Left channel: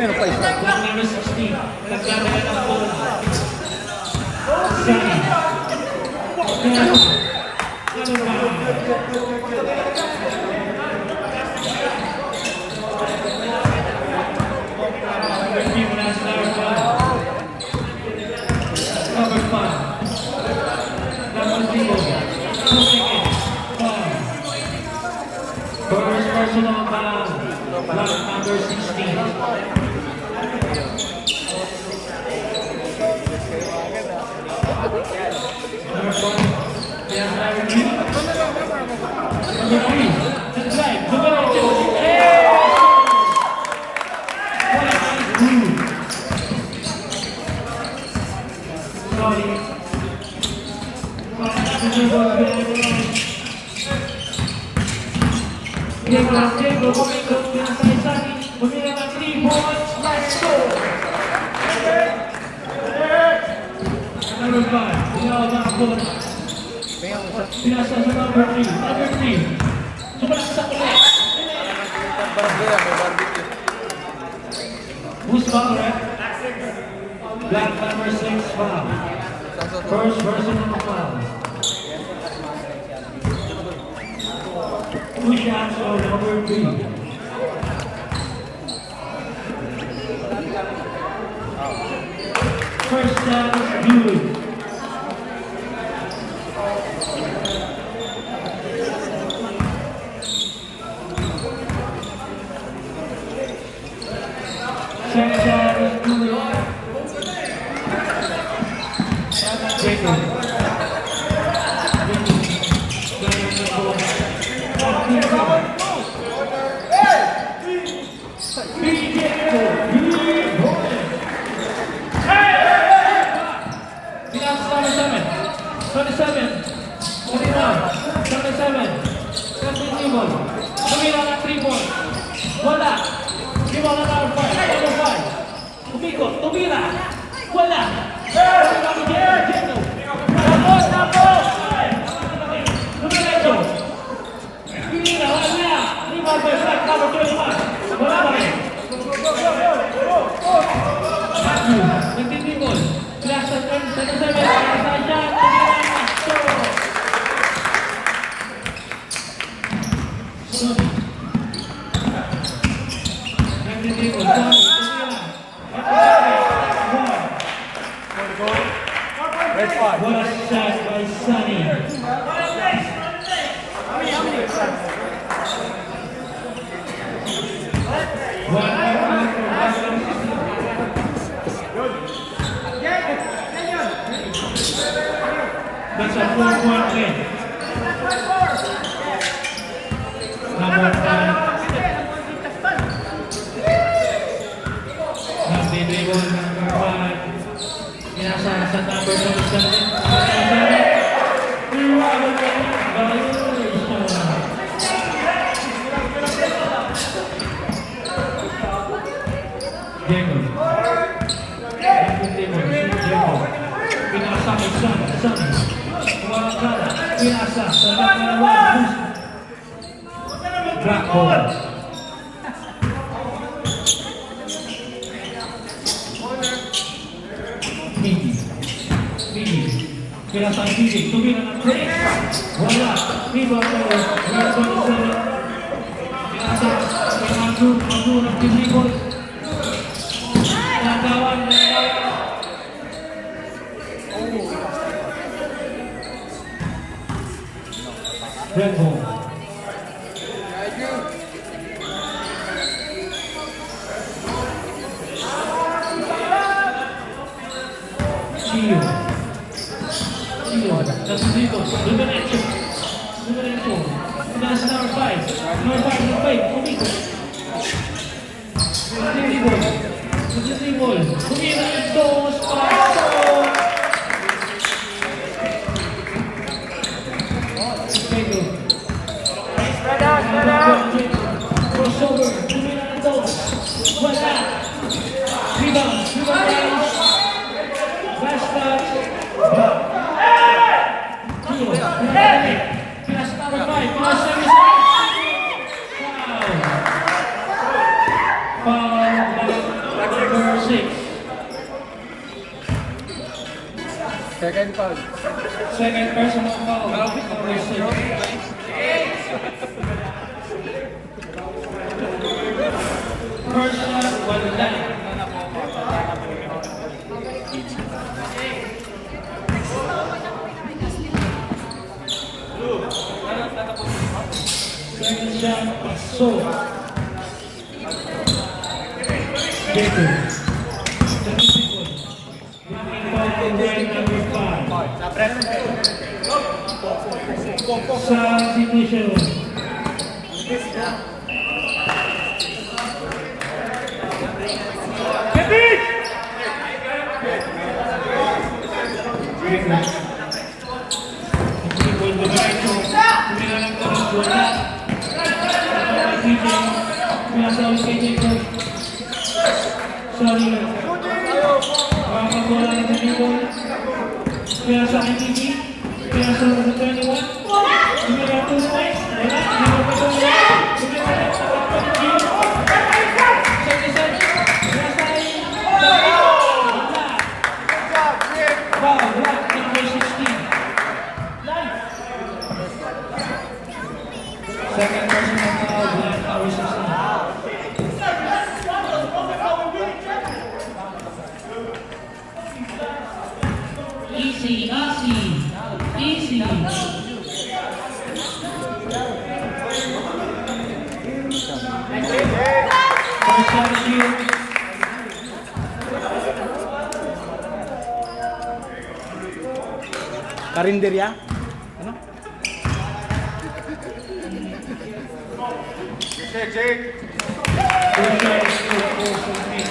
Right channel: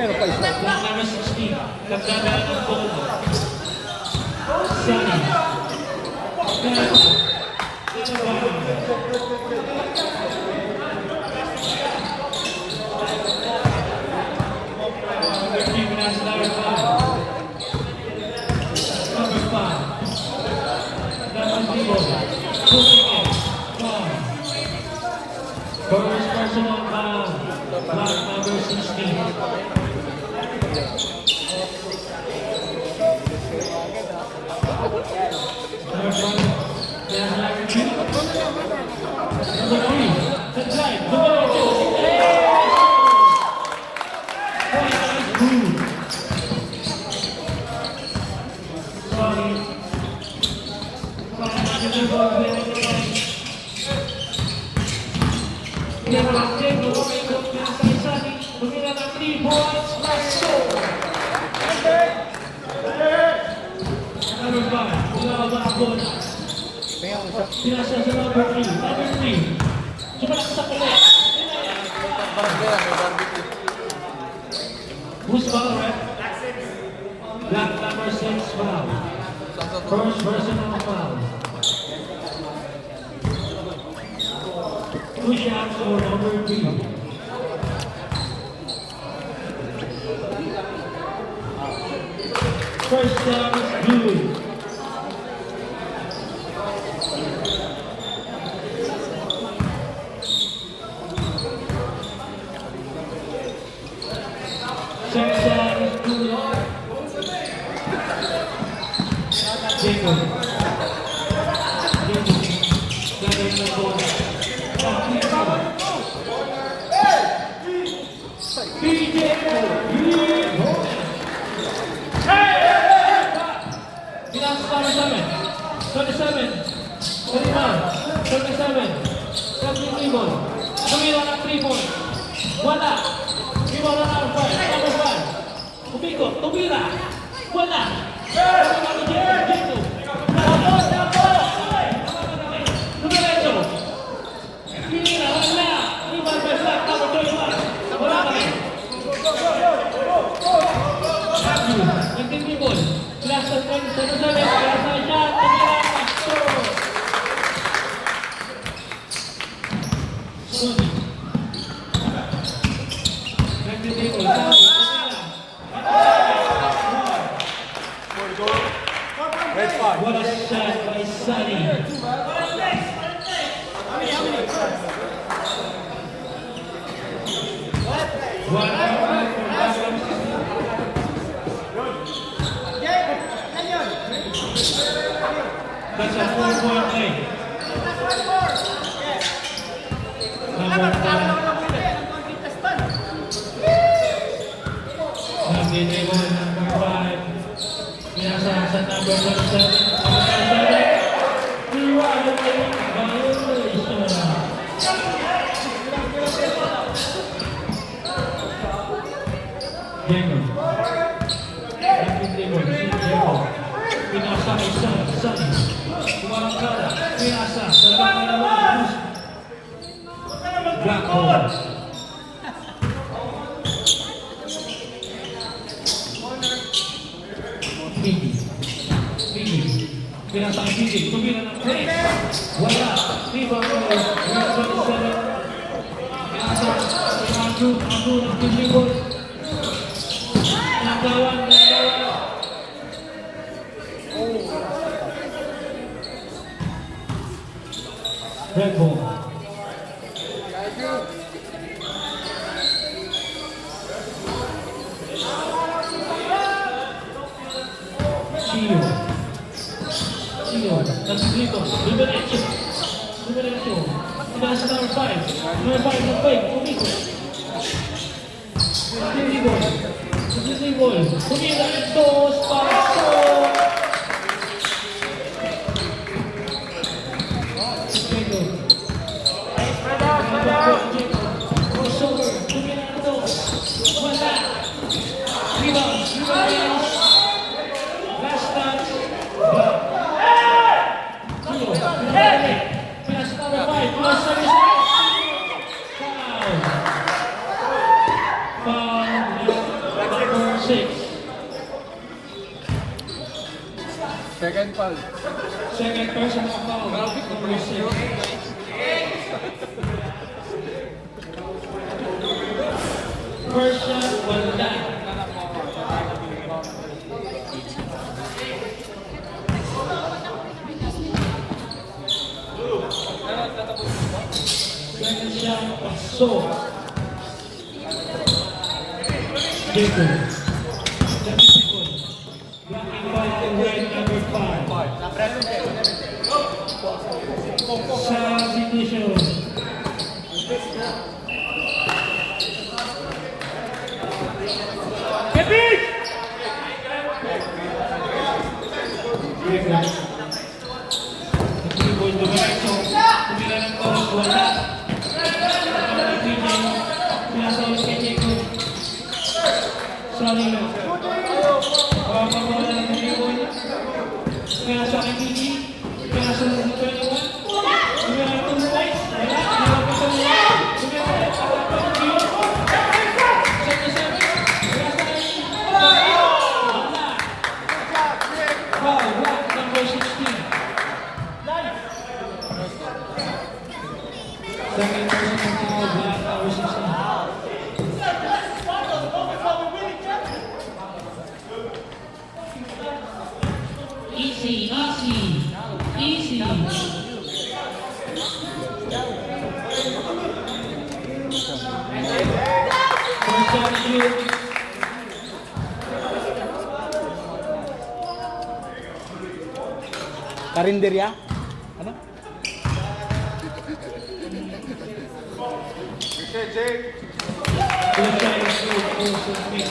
Meron pa isa. Black number 16. Nagdadala ng bola. Sunny. First personal foul. Black number 16. Number 5, Pinawag ang bola. Pinasa sa number 3, sumalak sa kulit. Who's foul, right? Black number 6 foul. First person on the foul. 2 shots for number 3. First shot is good. Second shot is good. Jacob. Tumira, wala. What a shot by Sunny. One for that's a 4-point lead. Number 5. Number 5. Pinasa sa number 7. Pinasa kay Sun. Pinasa sa pangalawa. Black ball. Migi. Pinasa ang Migi. Tumira ng Grace. Wala. Ibang ball. Pinasa kay Andrew ng Tumigol. Nagawan. Red ball. Chio. That's legal. Number 5. Number 5 is fake. 6. Second foul. Second personal foul. Number 6. First shot, wala. Second shot, pasok. Jacob. 30 seconds. Blocking foul on right number 5. Substitution. Kevin! Jacob. Nag-dribble behind to. Tumira ng toss, wala. Pinasawag kay Jacob. Sorry lang. Parang pag-wala ng dribble. Pinasa kay Gigi. Pinasa sa 21. Tumira ng 2 points. Wala. Tumira pa sa 1. Tumira pa sa 77. Pinasa kay Gigi. Wala. Foul. Black number 16. Second personal foul. Black number 16. Easy, easy. First shot is you. Karinderya? Ano? First shot is you. 4-3.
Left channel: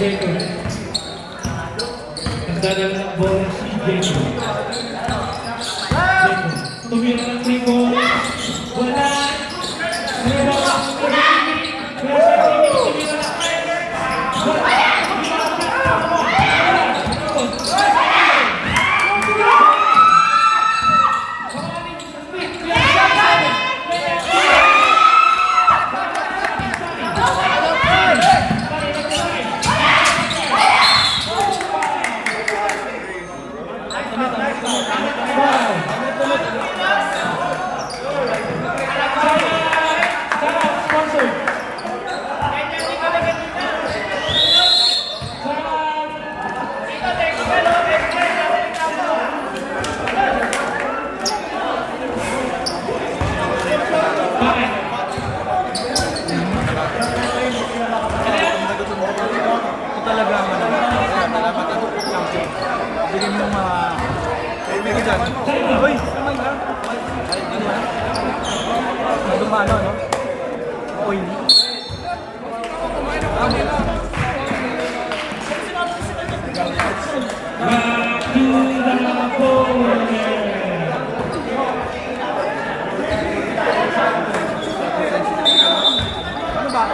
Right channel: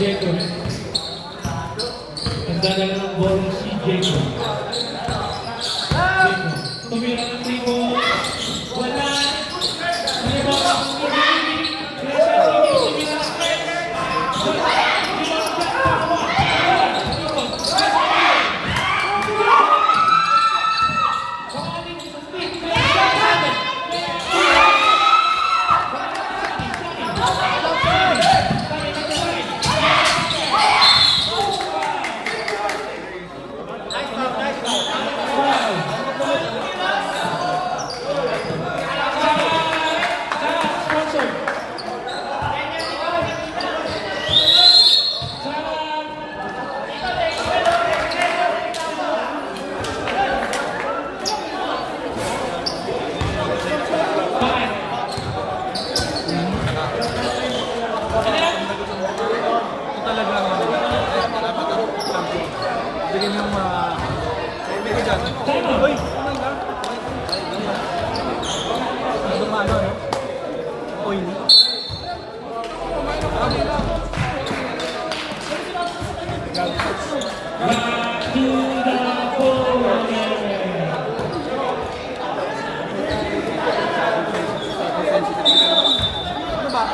Jacob. Nagdadala ng bola si Jacob. Jacob. Tumira ng 3 points. Wala. Tumira ng 3 points. Talaga ano, champion. Bigyan mo yung mga bigyan dyan. Hoy, kumay ka. Ano ba? Nadumano, no? Oily. Back to the corner. Ano ba?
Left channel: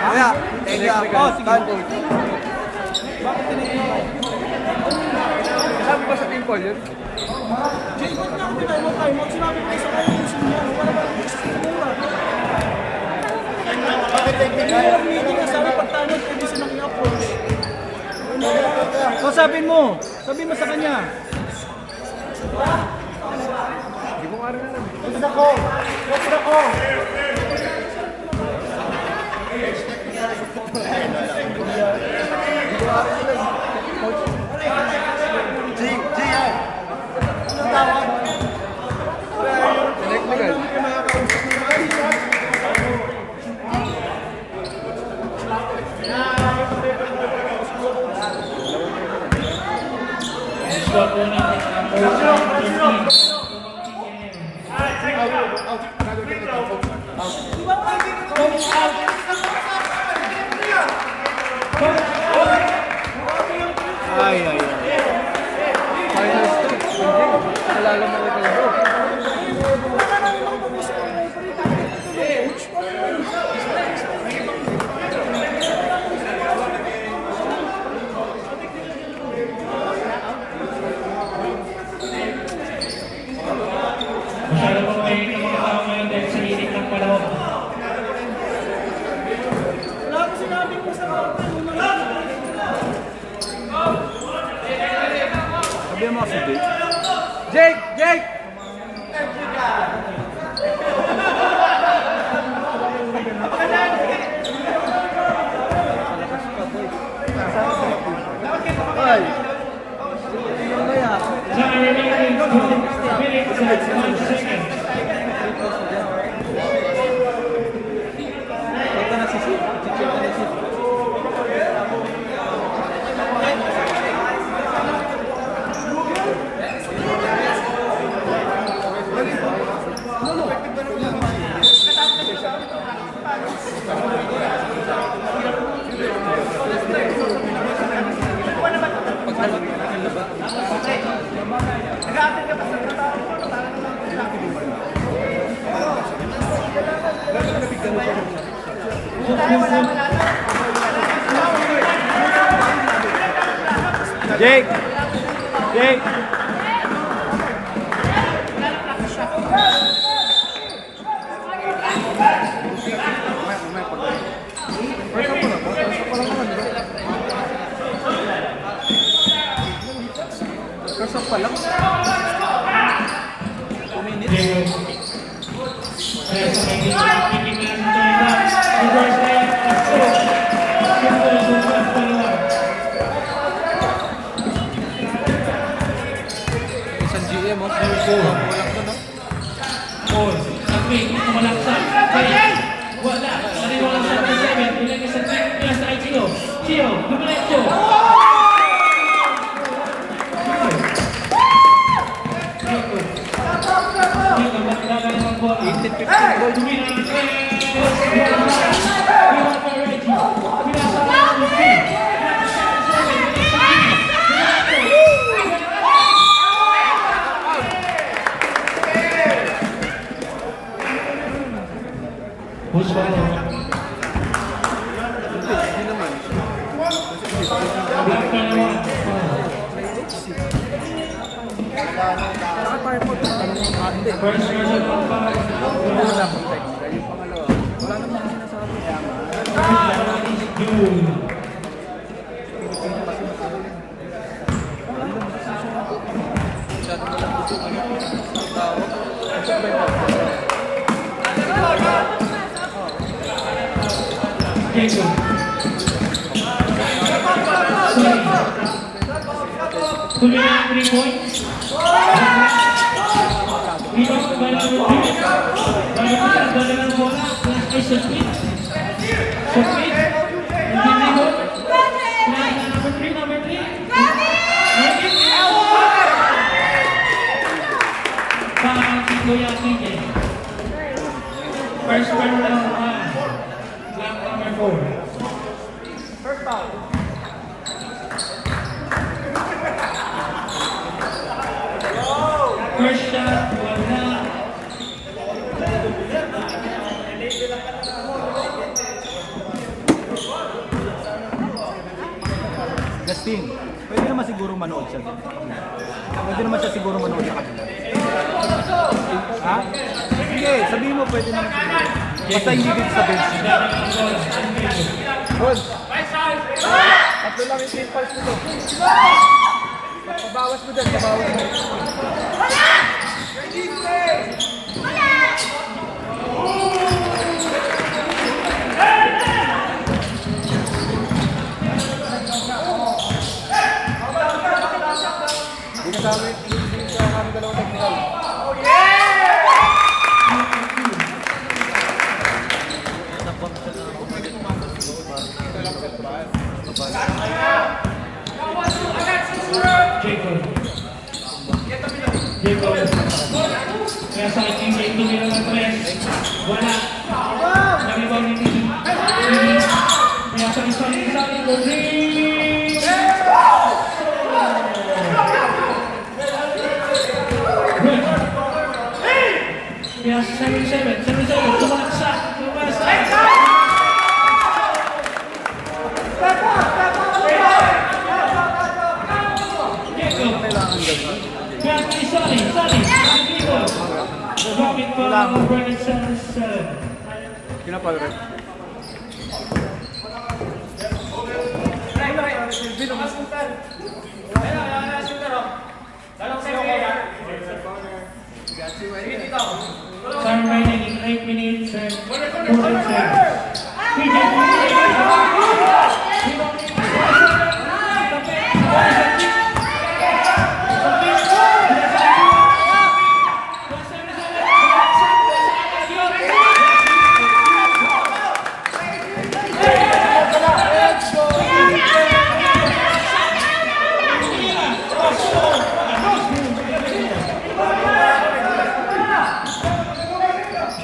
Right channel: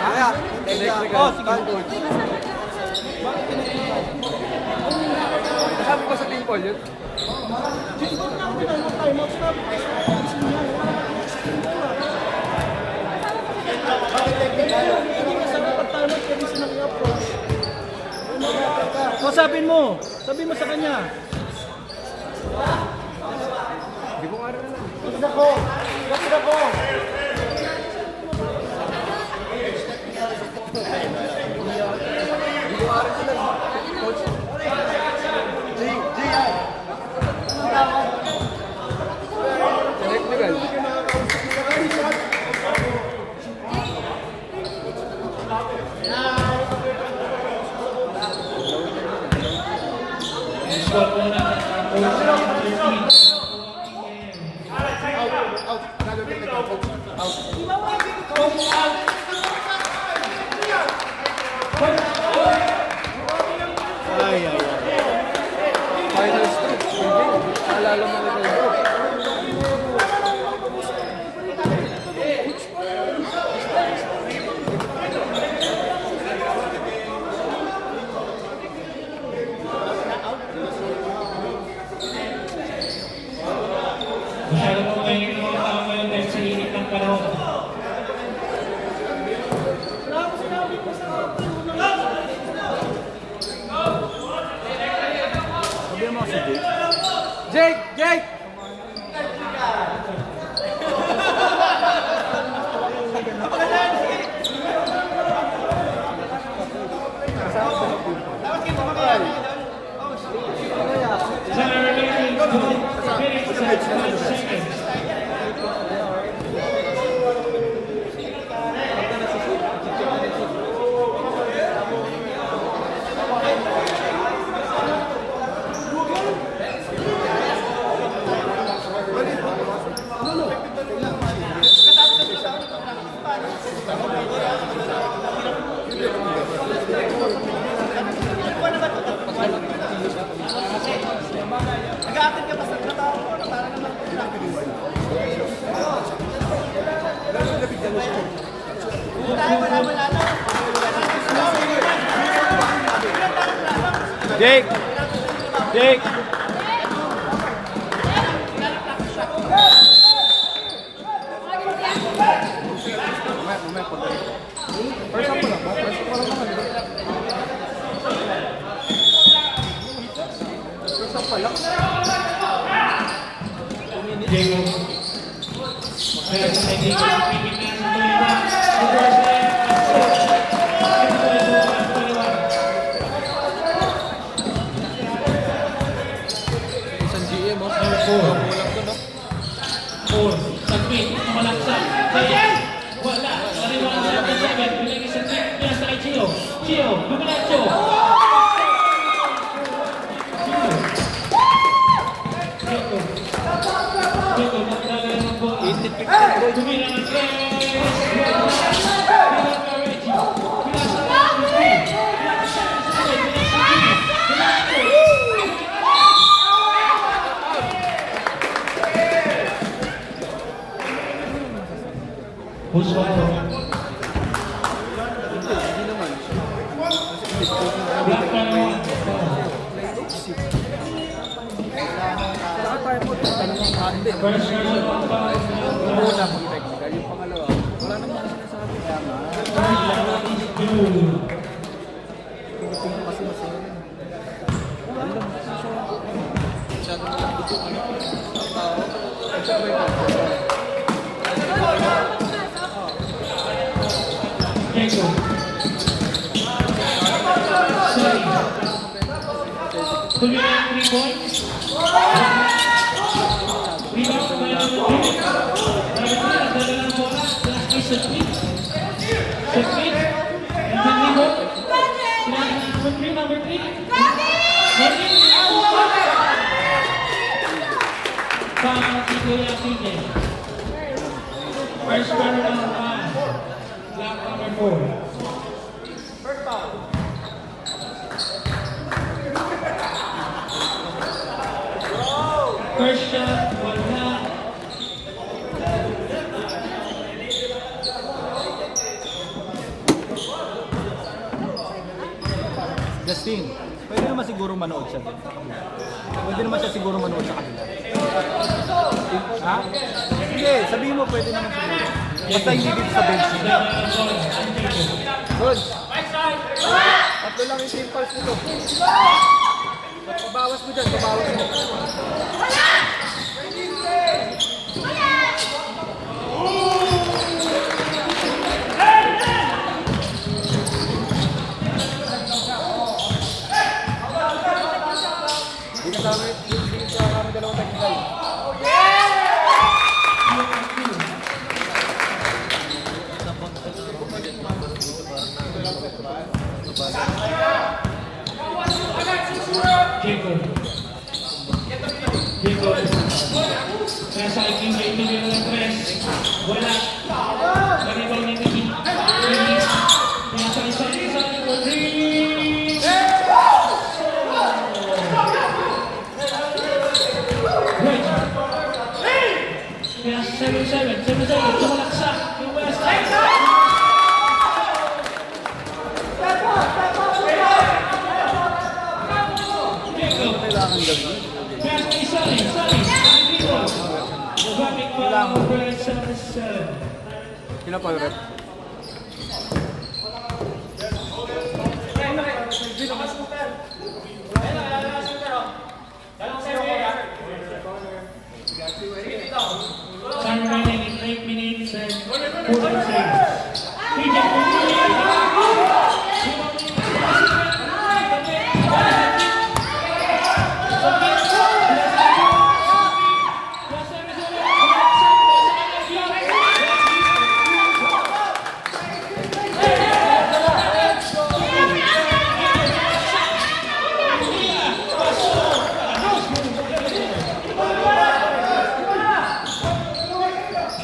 Ha? Oh, sige. Bakit tinitibay? Sabi ko sa team call yun? So sabihin mo sa kanya. Hindi mo nga rin alam. Squad one number 15. Coach out. Ay. Final stretch. Alala mo ito bro. Masyado pang may mga tao ngayon dahil sa init ng panahon. Jake! Jake! Ay! Time remaining 2 minutes and 5 seconds. Jake! Jake! Isang GM, walang to, no? Wala. Maliwanag sa 7. Bilang isang time. Kaya sa Gio. Gio. Dumiretso. Gio. Nakalaga ng bola. Tumira ng who's right? Hindi naman. Black pa naman. Saka tayo po, tanong ng ate. First round of five. Una, mag-technical. Yung pangalawa, wala naman sinasabi. Masyado mo lang gusto yung tao. Kasi ba yung Jason. Tumira ang 3 points. Rebound by number 3. Dala ng bola. Last ay Safit. Safit. And then rebound. Number 3. Para si Kuya Kike. First quarter of 1. Black number 4. First shot, wala. Justin, pwede naman siguro manood siya dun sa kabila. Pwede naman siya siguro manood sa kabila. Ha? Sige, sabihin mo pwede naman siguro. Basta hindi dito sa bench. Good. Tatlo lang yung 3 pulse nito. Pabawas mo dyan, pabawas mo. Hindi na kami dalawang technical. Napang siya na pumalit ng pero dito parang Jacob. Jacob. Kaya sa ating may tumira ng 3. Wala. Nalibaw ni Tiki. Kaya sa isang Kaya 7-7, tumalaksak, tumalaksak. Kaya kay Sonny, dropping ball over in 7-7. Pinapagrat. Time remaining 8 minutes and 2 seconds.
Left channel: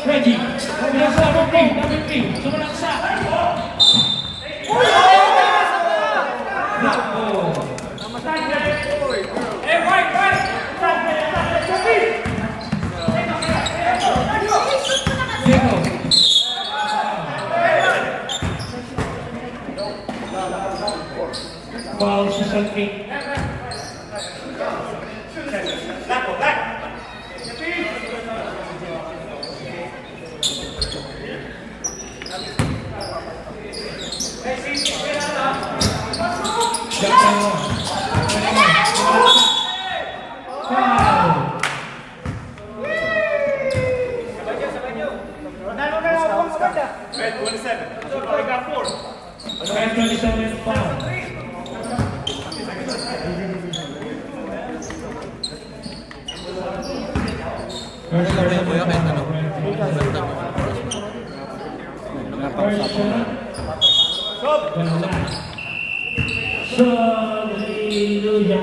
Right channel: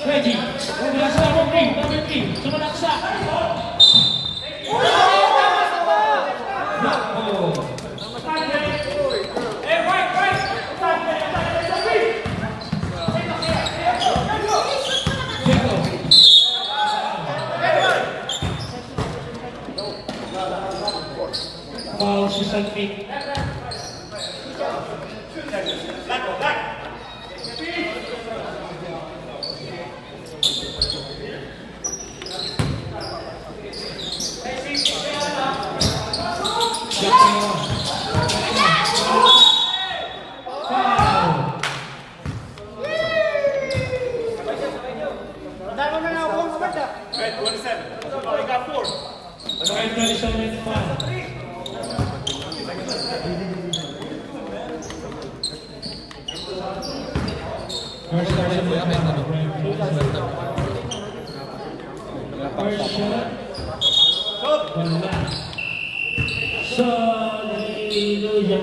Reggie, nasa number 3, sumalaksa. Foul sa Salpit. Red, 27. I got 4. 27 foul. First shot. Hallelujah.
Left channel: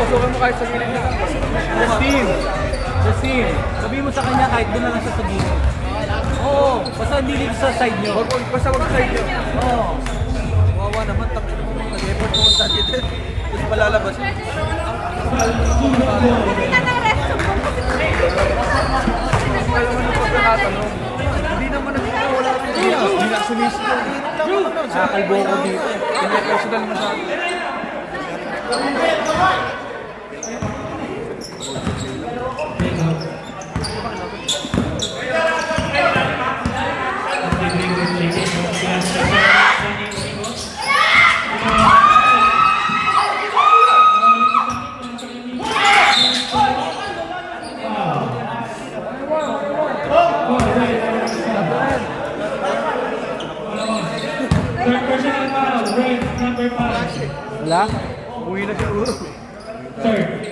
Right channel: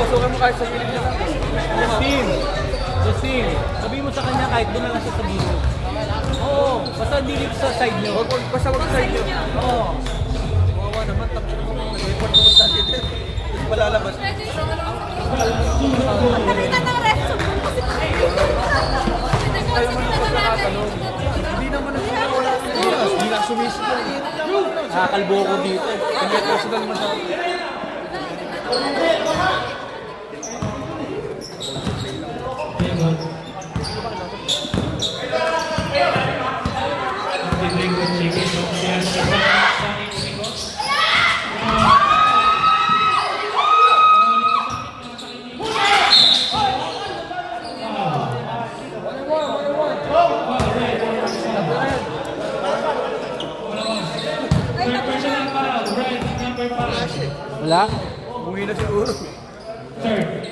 Pasukan mo kahit sa niya. Justin, sabihin mo sa kanya kahit doon na lang siya sa gilid. Oo, basta hindi dito sa side nyo. Basta wag sa side nyo. Oo. Wawa naman, tapos mo nag-report mo sa dito. Tapos palalabas mo. Kayo man ang pagkakatanong. Hindi naman nagkakawala ng iya. Hindi na sumisigaw. Nakakalbo ko dito. Hindi personal masyado. Wala? Umuwi na siguro. Third.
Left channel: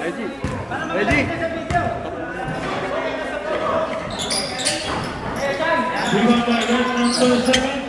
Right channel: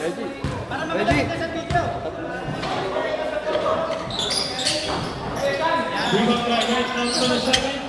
Ready? Ready? Rebound by Red, number 7.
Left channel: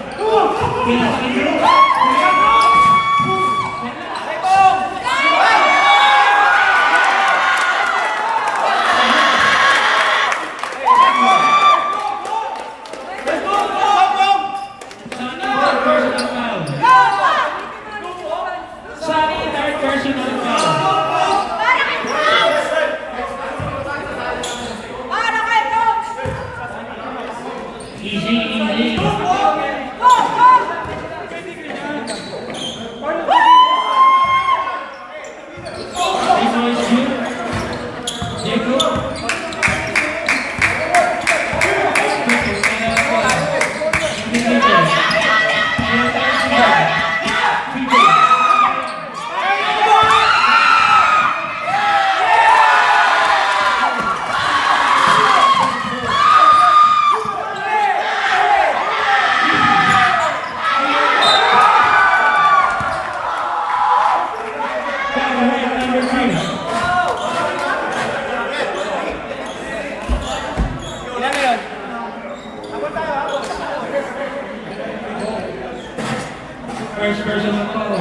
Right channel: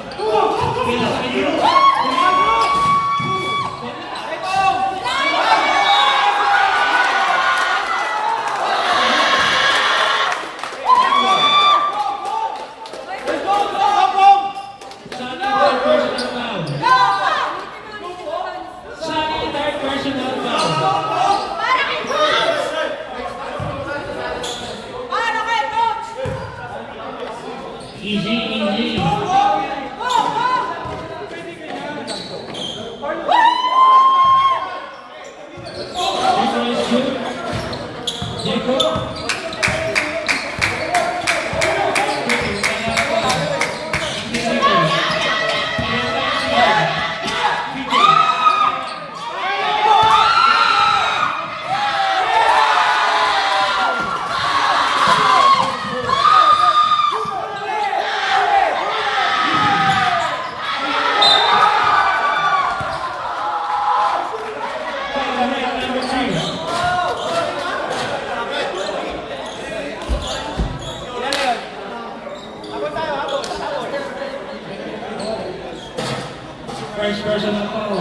First personal foul.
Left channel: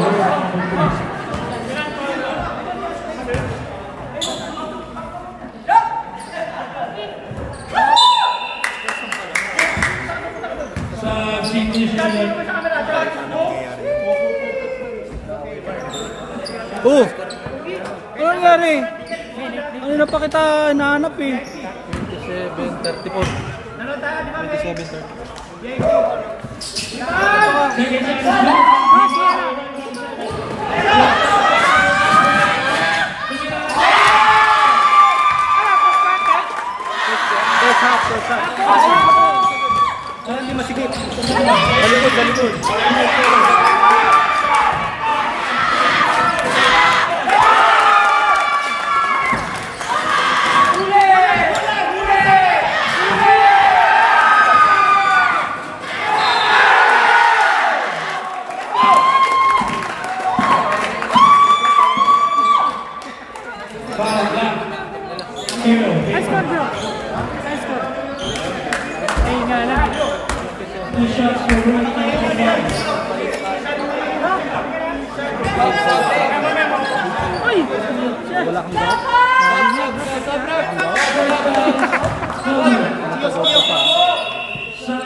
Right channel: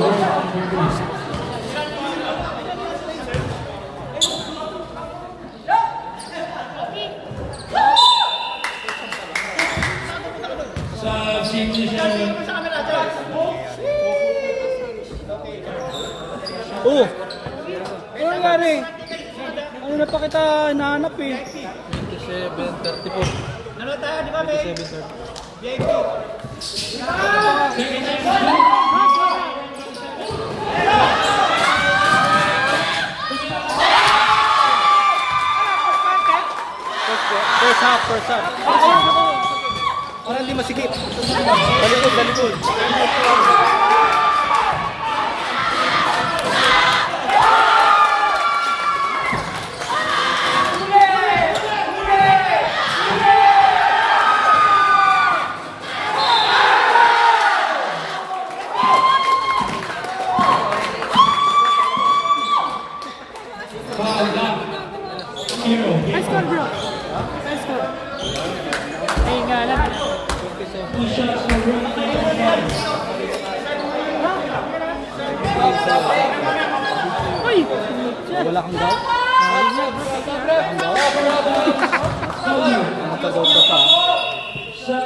Substitution. Oh! Ano nangyari? Ano na pa kita nahanap eh? 27-34. 27-30. Second time. First half. Ano hindi masigit? Balikod. High score, bro. High score. Ay, nga lang. 2 shots for one time. Uy! Wala kang guard? Sa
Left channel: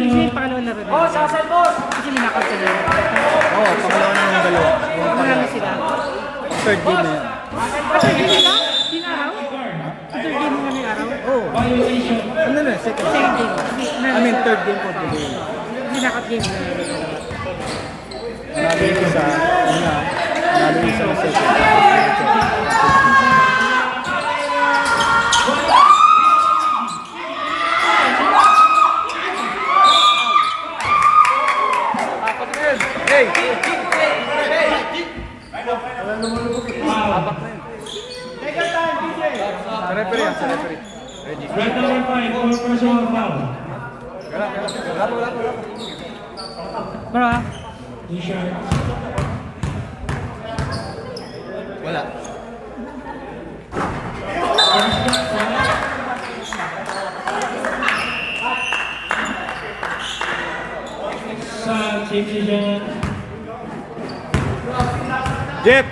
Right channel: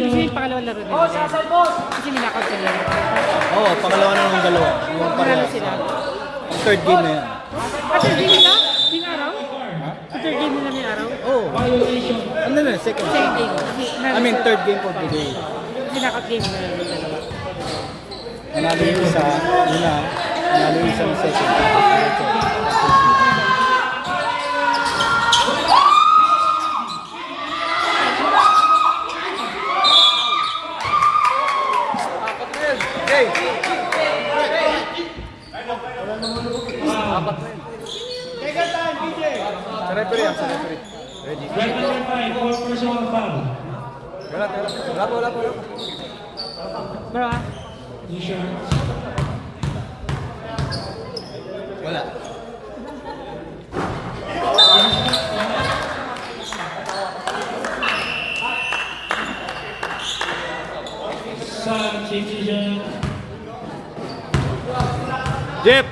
yung pangalawa na rin. Kasi ninakaw sa laro. Oo, pangalawa na yung dalawa. Marami sila. Third game na yan. Third game nila? Yung araw? Third game nila yung araw? Oo. Violation. Ano na, second Second game. game. I mean, third game of the day. Ninakaw game nila yung dalawa. Nanalo yung isa, nanalo yung isa na second. Tapos ito. Hey! Red number 5 for personal foul. Bro, 2 shots. Wala. Substitution. Dip!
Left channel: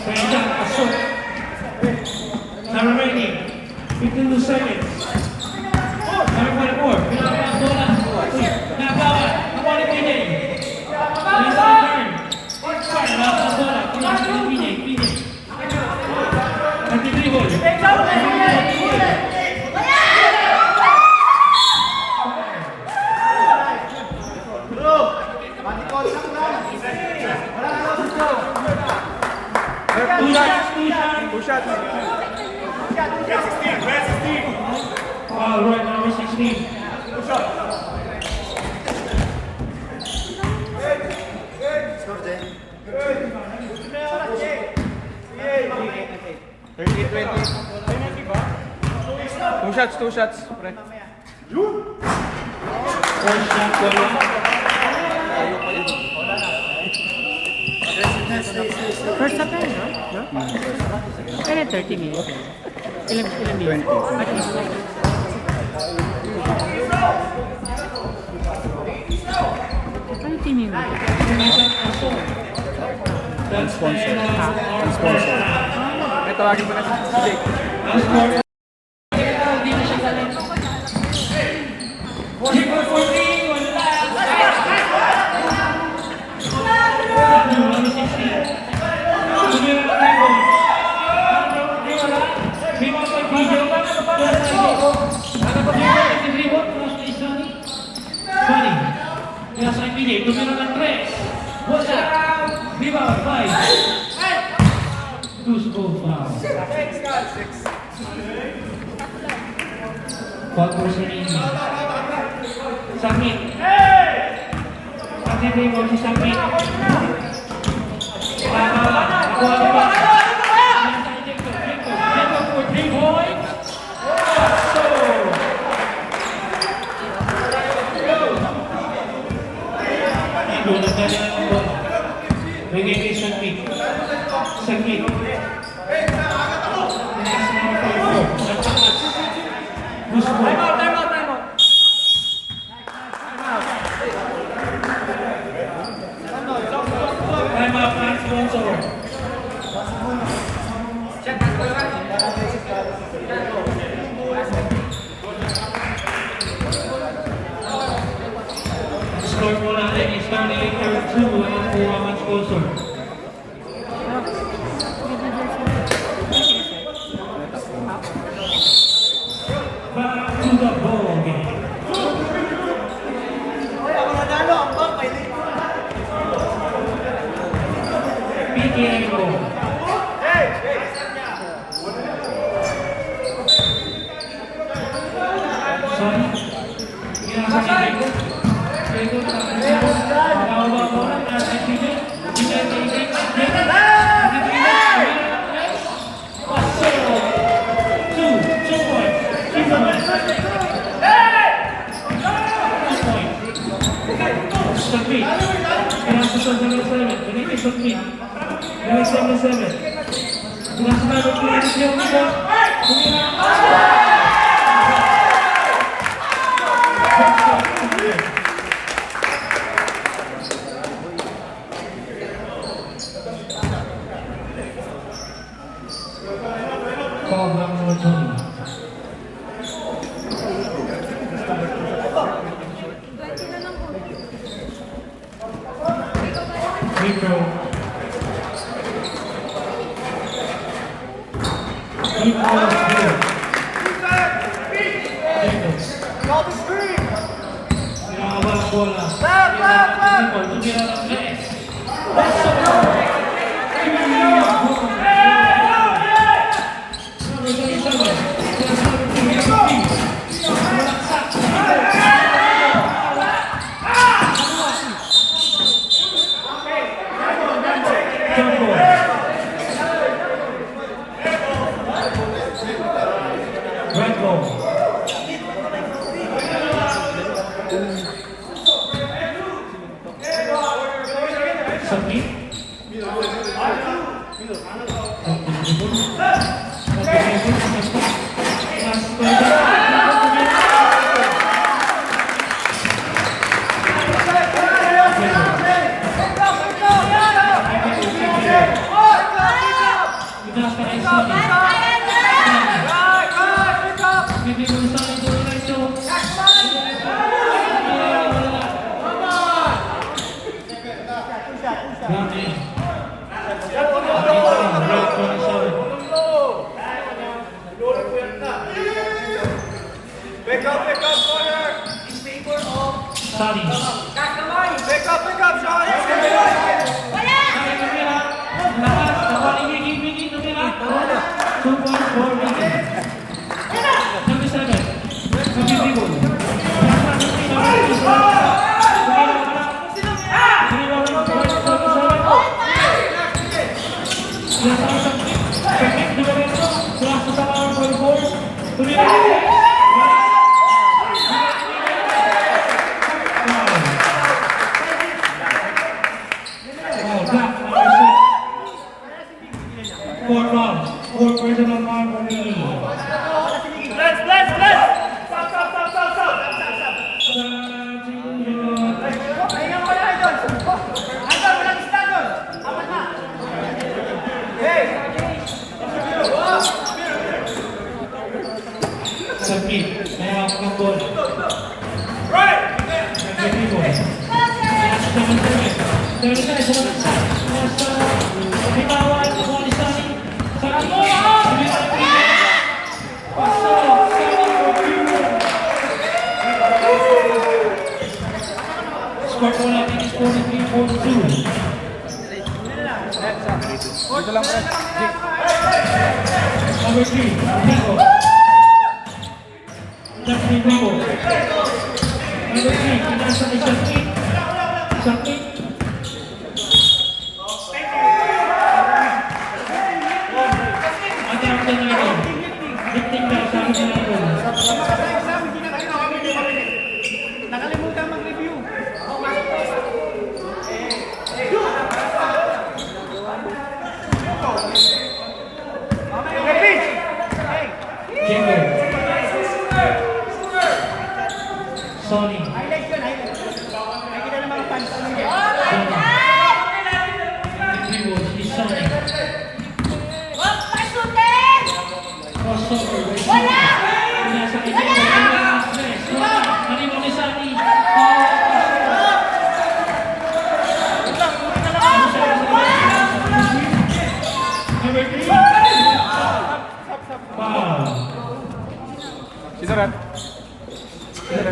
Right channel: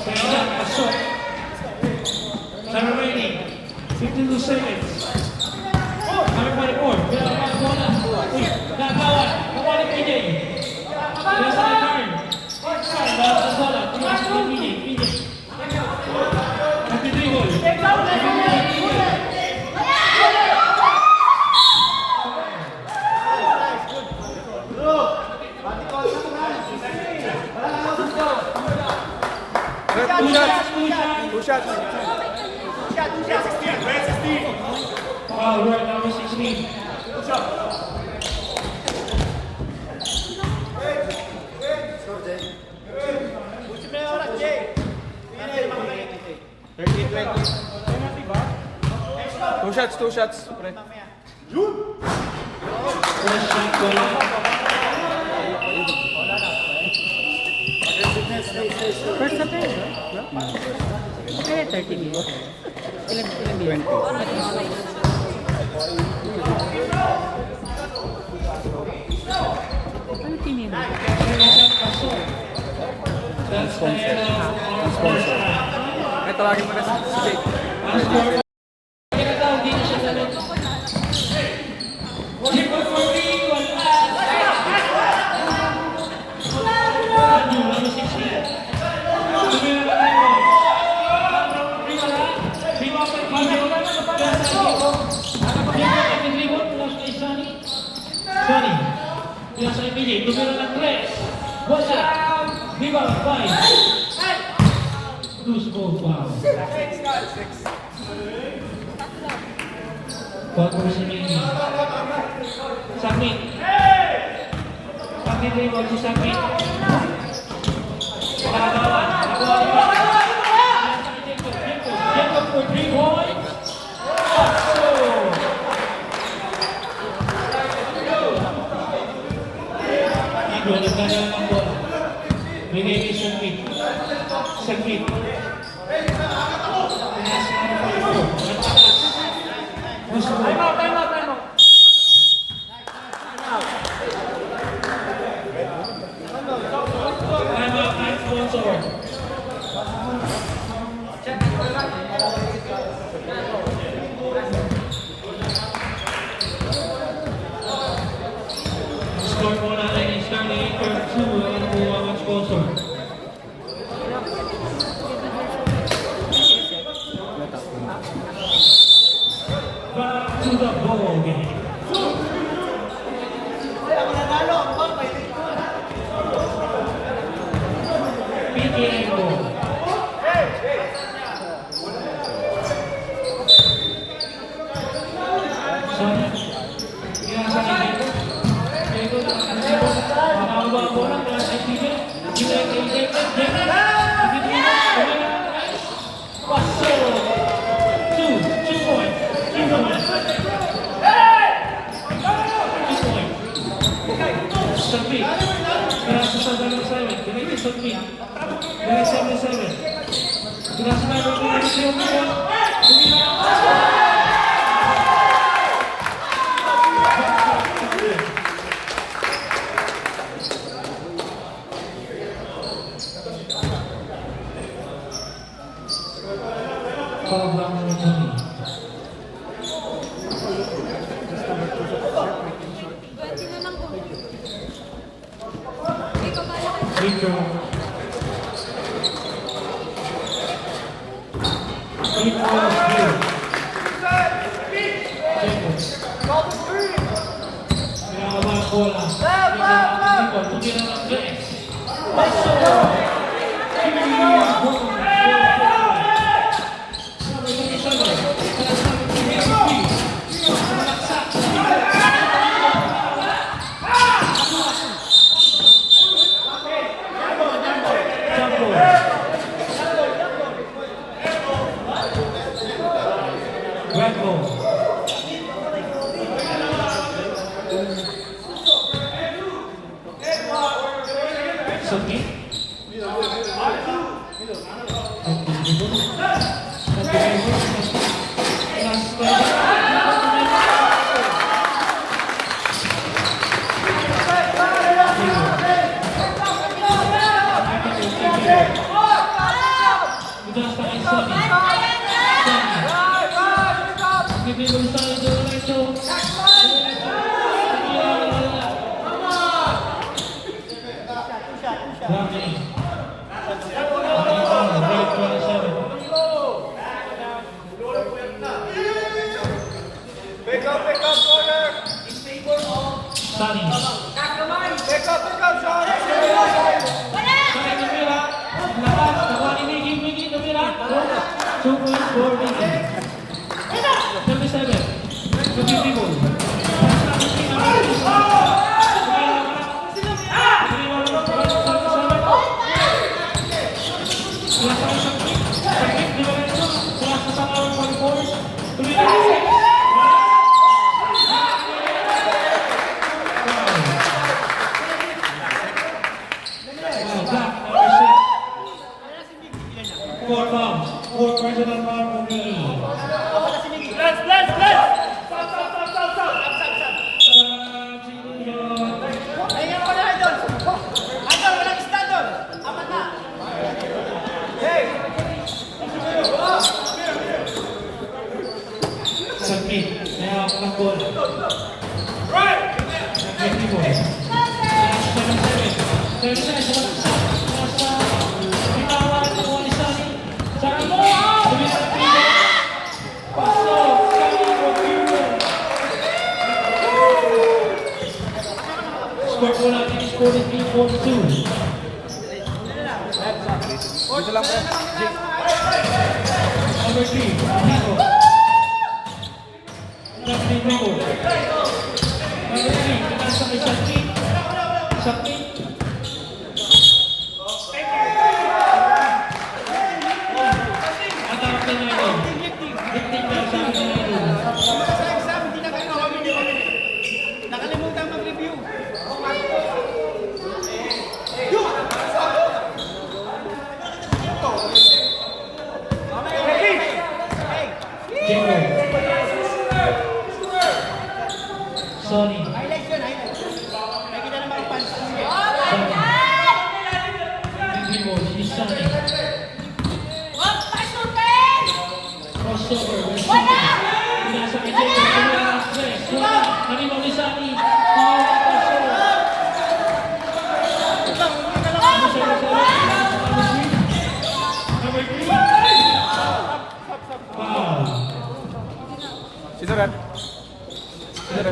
Kaya assault. Time remaining. 52 seconds. Number 44. Nabawa. Nabali PJ. Last turn. Last bola. PJ. 33 ball. Two shots. Foul, right number 16. Two shots. First shot, bola. first up na yun, no? Kaya 30 minutes. Ilang minutes? 20 minutes. Sponsor. Natawagin ko na si Jake. Ang score. Dito siya galing. Number 16. Yes, I mean it. Numero ng 3. What's up? Viva 5. Two small foul. Foul for Sinini. Sakit. Sakit din mo si Sakit. Bawal. Nakuha na pa. Jacob for 3 points. So. Yun ang kanya ng bola. Bigay kay Sakit. Sakit. Last number 4. Mataas. Gusto mo. Score po natin is 38-32 ang po ang sponsor. Back to the ball game. PKM ball. Sorry. Ginasa ni Diego. Diego, nakakaba mo ng SPG. Submit. Ginasa sa 7-7. Ginasa submit. Ginasa 7-7. Ginasa na ito yung video. Call number 20. Rico. Rico is here. Jacobs. Pinakaban ang bola.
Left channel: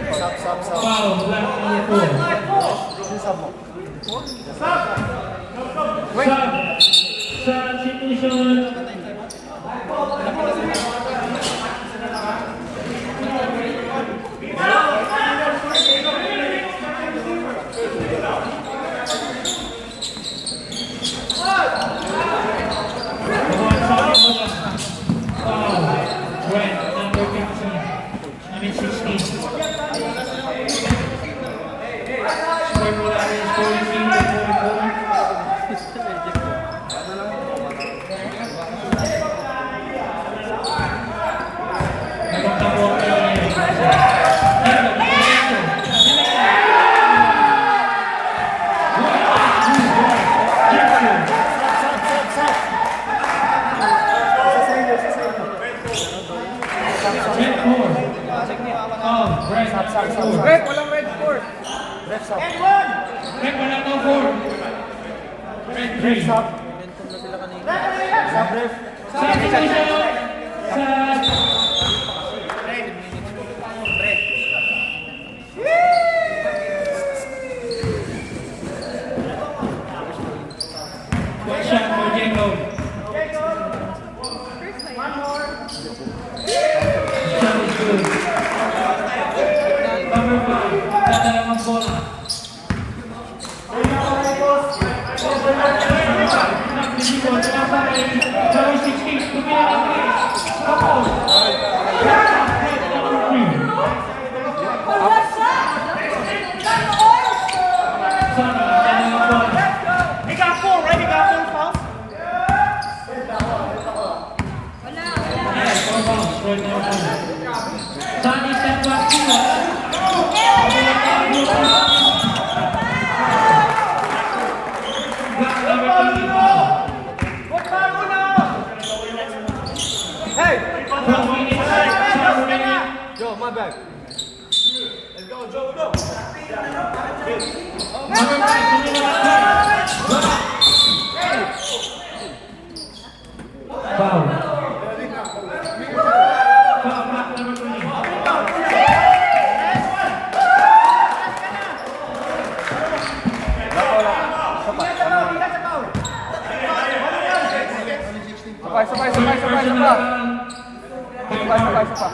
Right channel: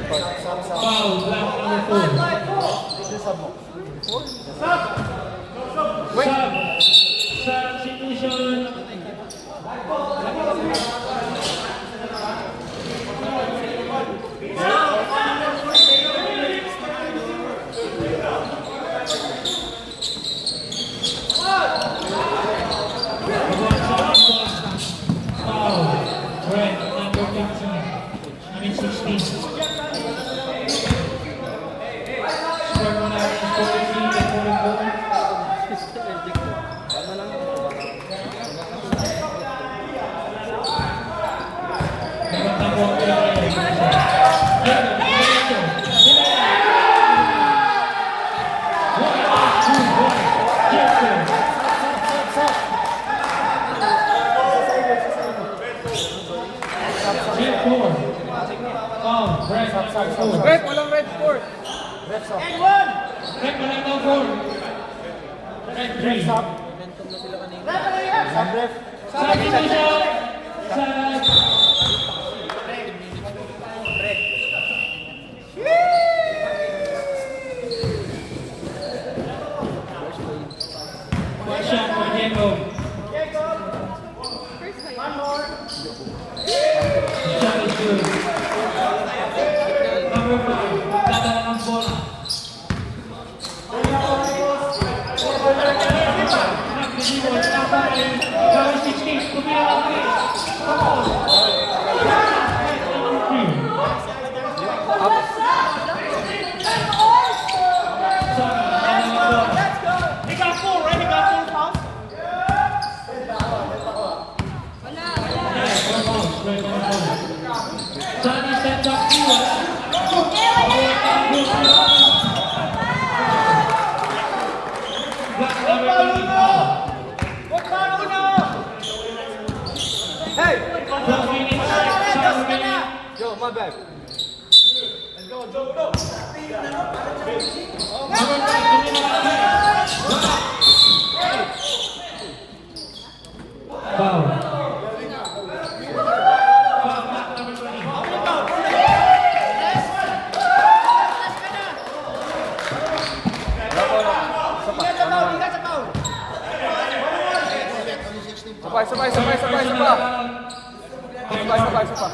Foul, block number 4. Sub mo. Sub, substitution. Foul, right, number 15. I mean 16. Square is 43 to 44. Ref, walang red court. Red sub. Number 5, dadalawang bola. Number 16, kumila ang place. Kapos. He got 4, right? He got 4 fouls? Sunny step back here. Block number 34. Hey! 12 minutes. Time remaining. Yo, my bad. Number 5, kumila ang place. Foul. Foul, block number 20. Sabay, sabay, sabay, sabay, sabay. Sabay, sabay, sabay.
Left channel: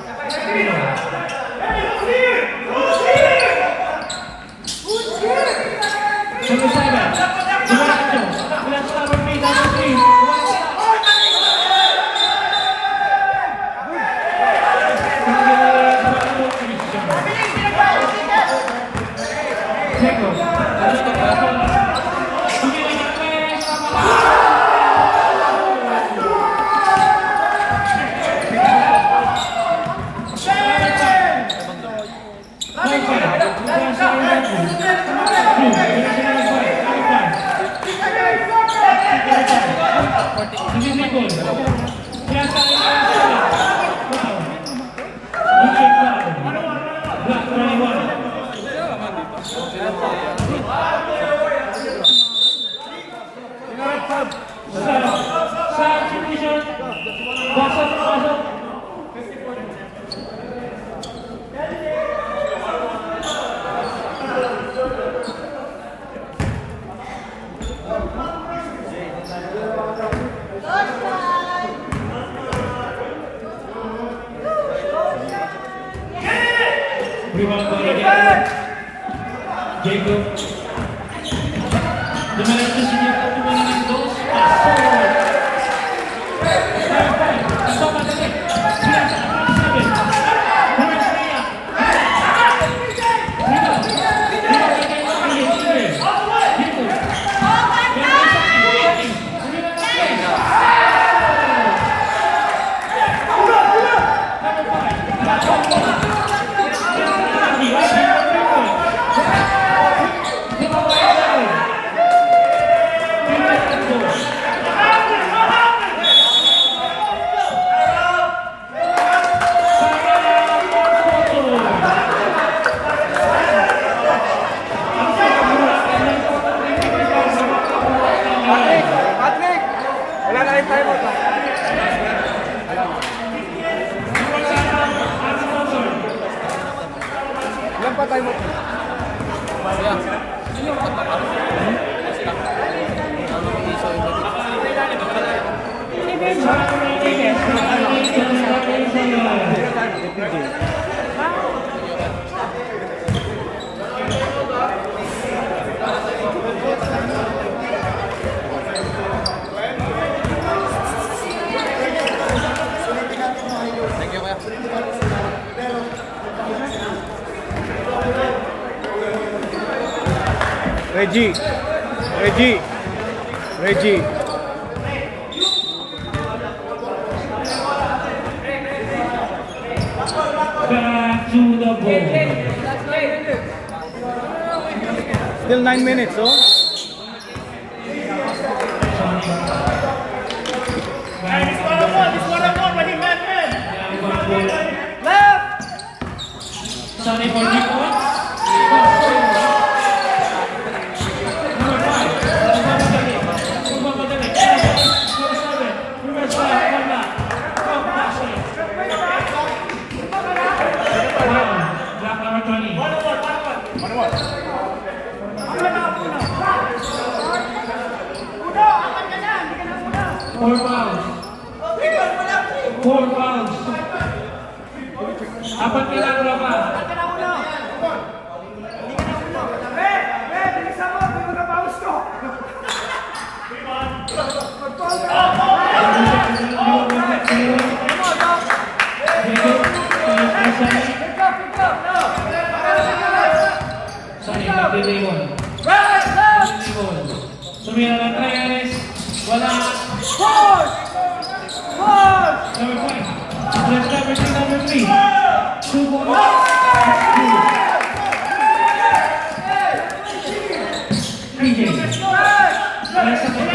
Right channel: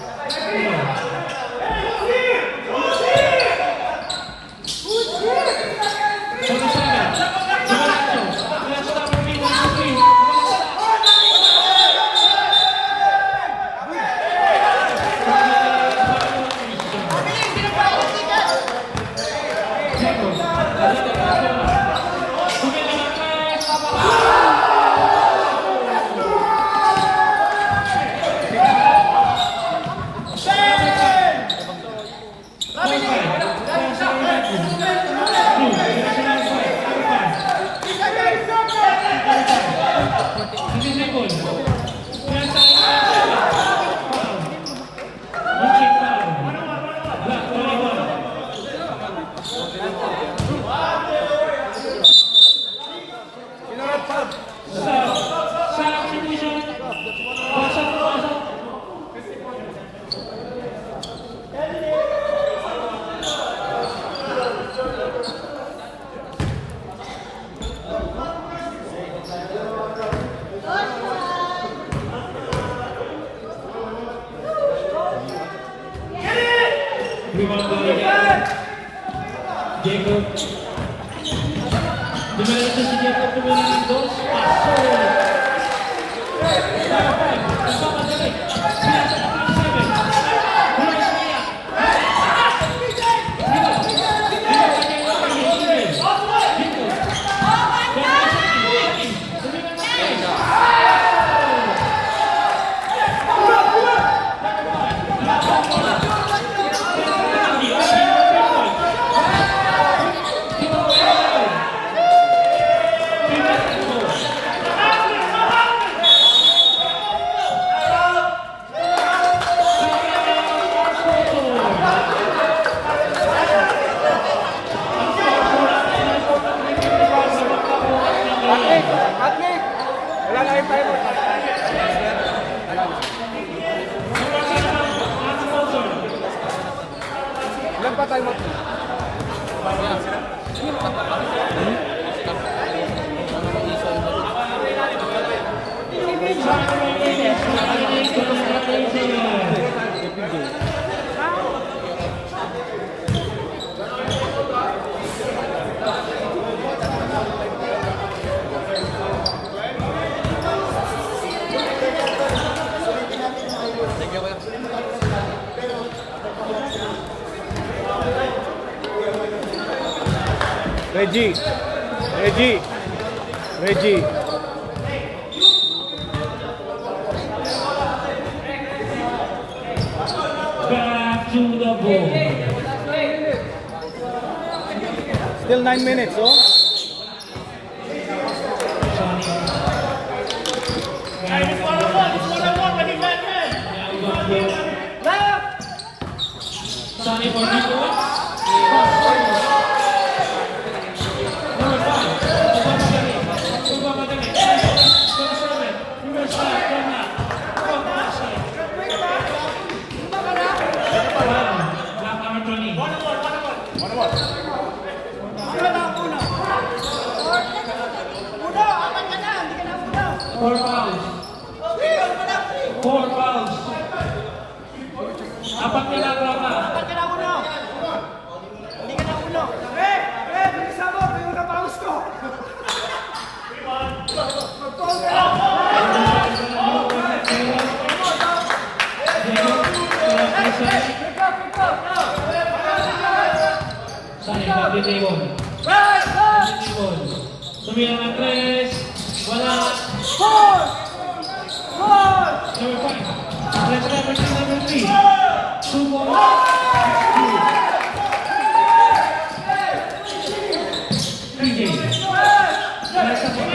Rebound by Jacob. Dumiretso si Jacob tumingin ng dos. Pasok madali. Sila sa 7. Luis Maya. Rebound. Jacob. Ilan pa tayo mo? Reggie. Back to the ball. Still 9 minutes, oh. Sonny for Nicholas. Four fouls. Apat ginagawa ka. Sumira ng tres. Wala. Number 5. Let's start with number 3. 2 balls. 3 games. Let's start with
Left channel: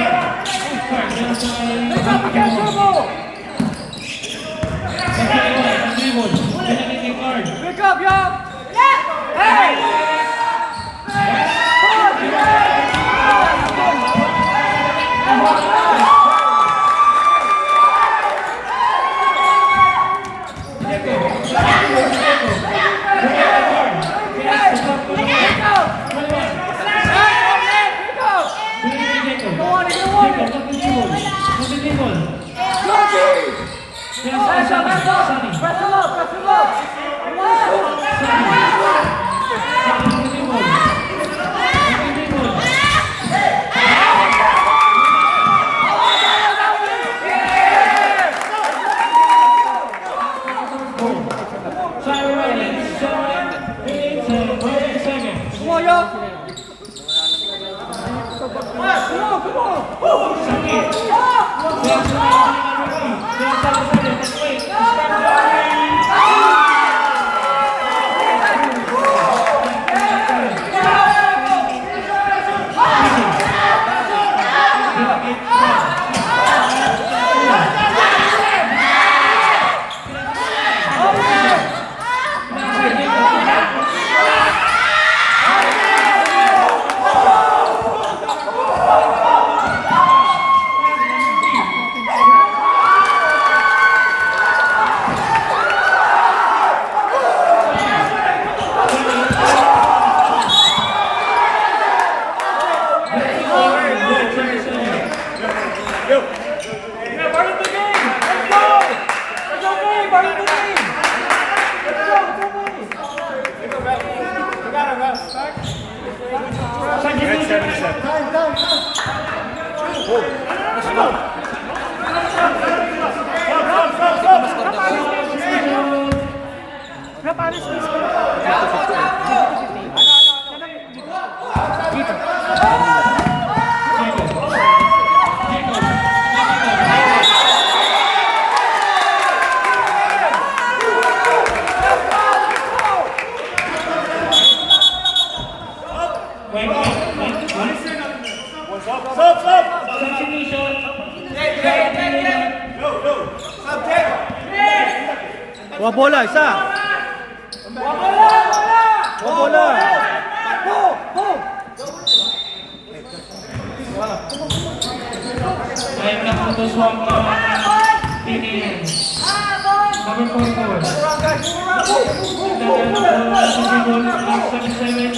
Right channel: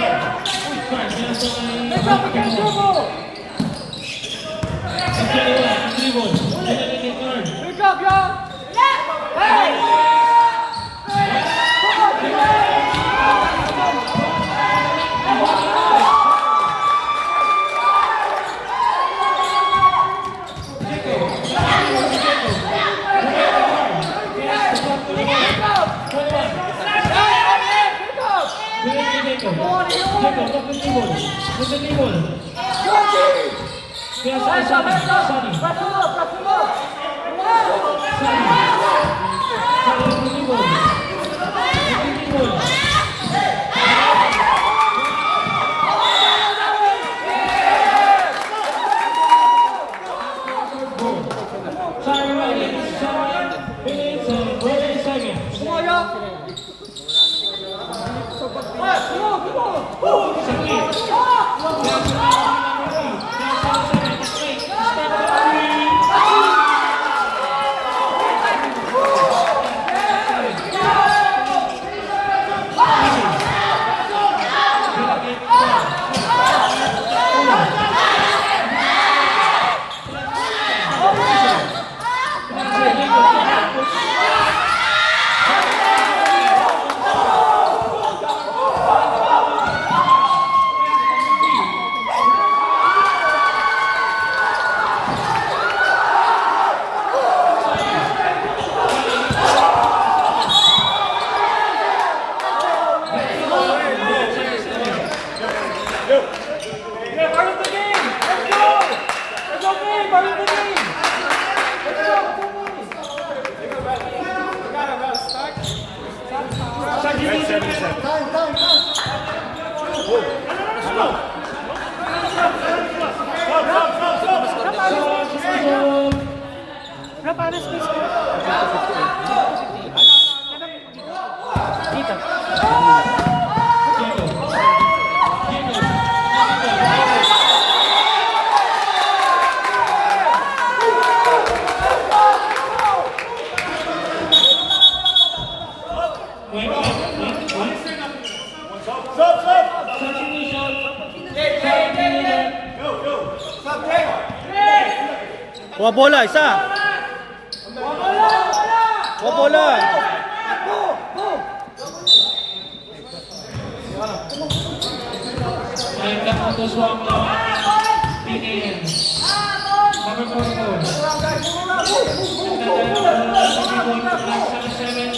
Kuha bola, isa. Kuha bola. Baik, nak putus waktu. Ini. Number 44. Last 27.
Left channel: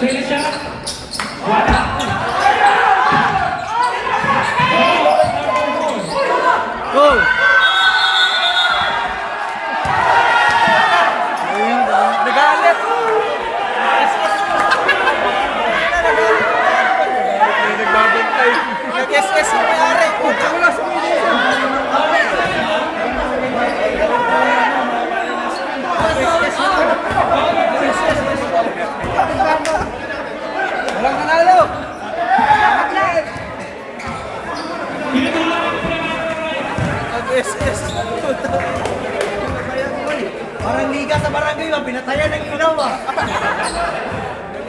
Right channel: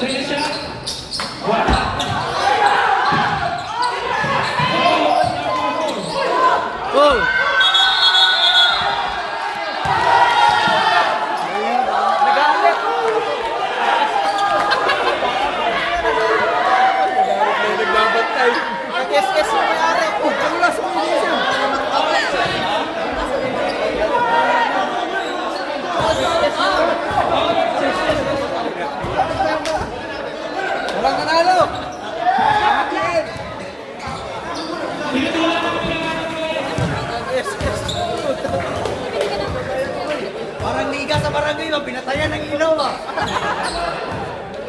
Second shot. Go! Nagalit! Nagbabantay. Nag-SS yung mayari. Wala sa walang kanalo! Nag-SS. Parang liga sa barangay ba? Pinatayan ng ilaw ah.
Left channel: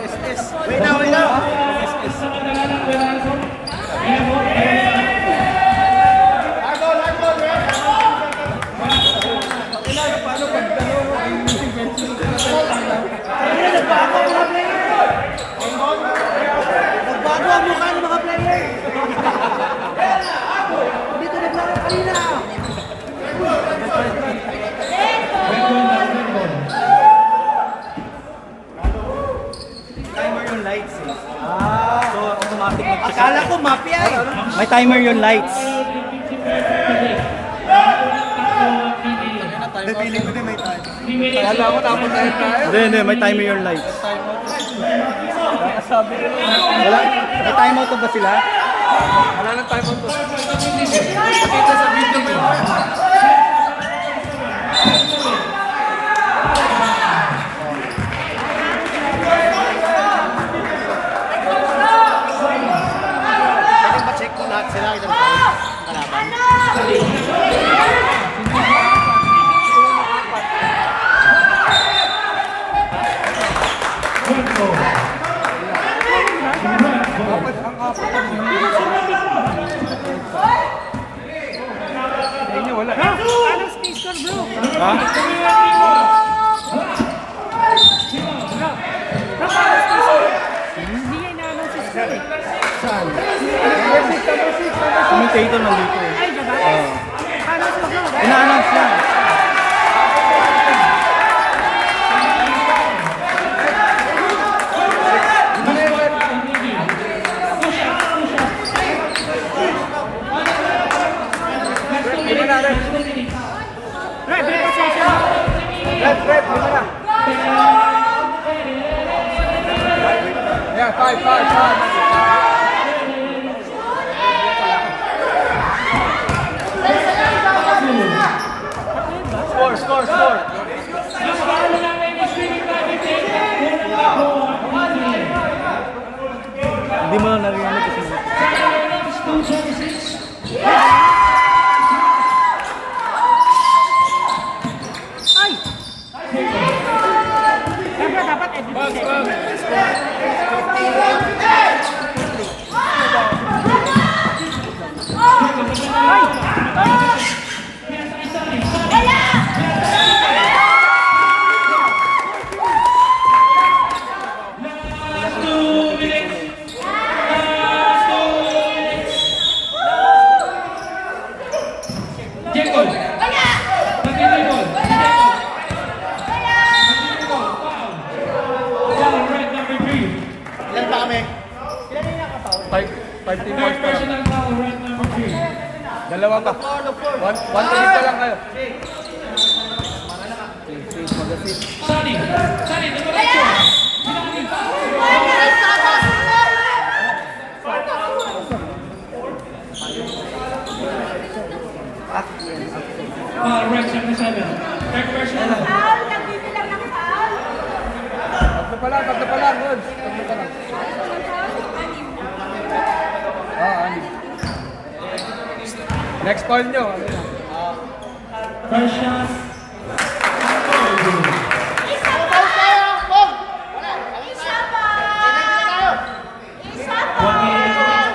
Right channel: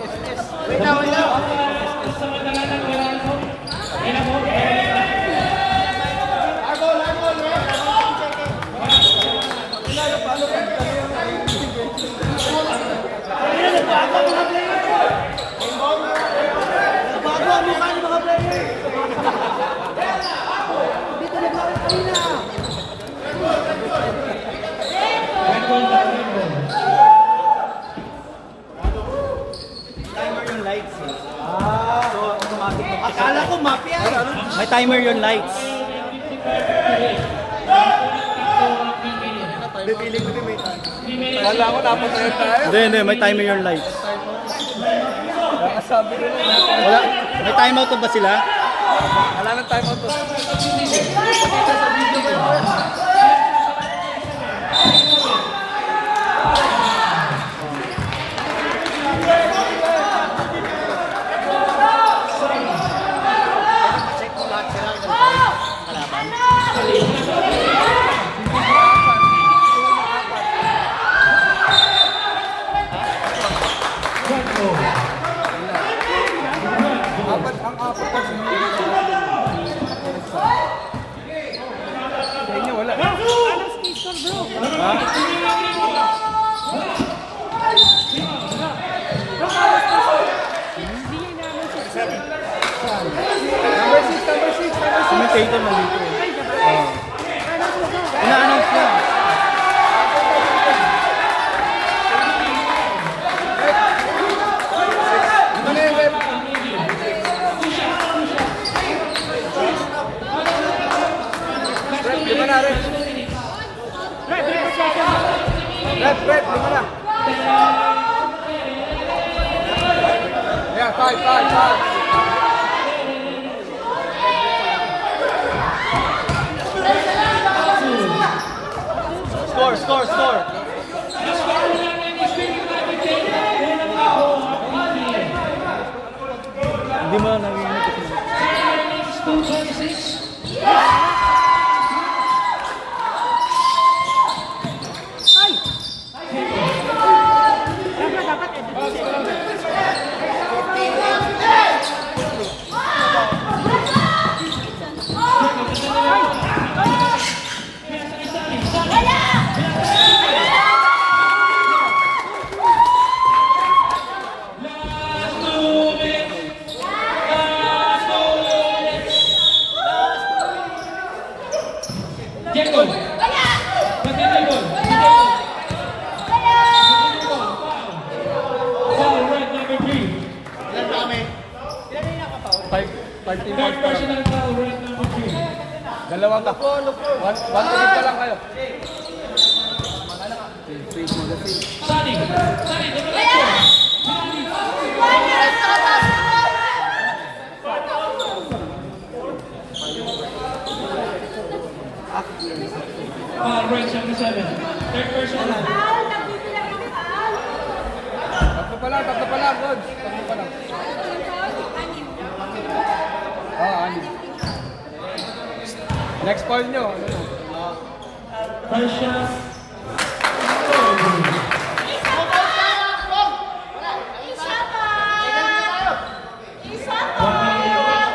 SS. Wait na, wait na. Nagbago ang mga player! Nagbago ang mukha ng mga player! Dito nagbago kanina! Timer yung lights eh. So automatic na. Akala ko mapya eh. May timer yung lights. Hindi, feeling ko din may timer. Kala ko dapat na yung timer. Hindi, may timer yung lights. Wala? May timeout ba sila? Wala nang timeout po. Kita sa video ko. Check ko lahat sila yung kalaban. Ha? Commentator nandito eh. Ina-announce lang. Yeah, five. Score. Hindi mo narinig kasi. Jacob. Pagkakay mo. 15 Third points pa lang. personal foul, red number 3. Dalawa pa. One to give pa lang kayo. Sunny, diretso. Foul, red number 7. Third personal foul. Tatlo pa lang, Rod. Tatlo pa lang. Anim. Next point nyo, ano na? First shot.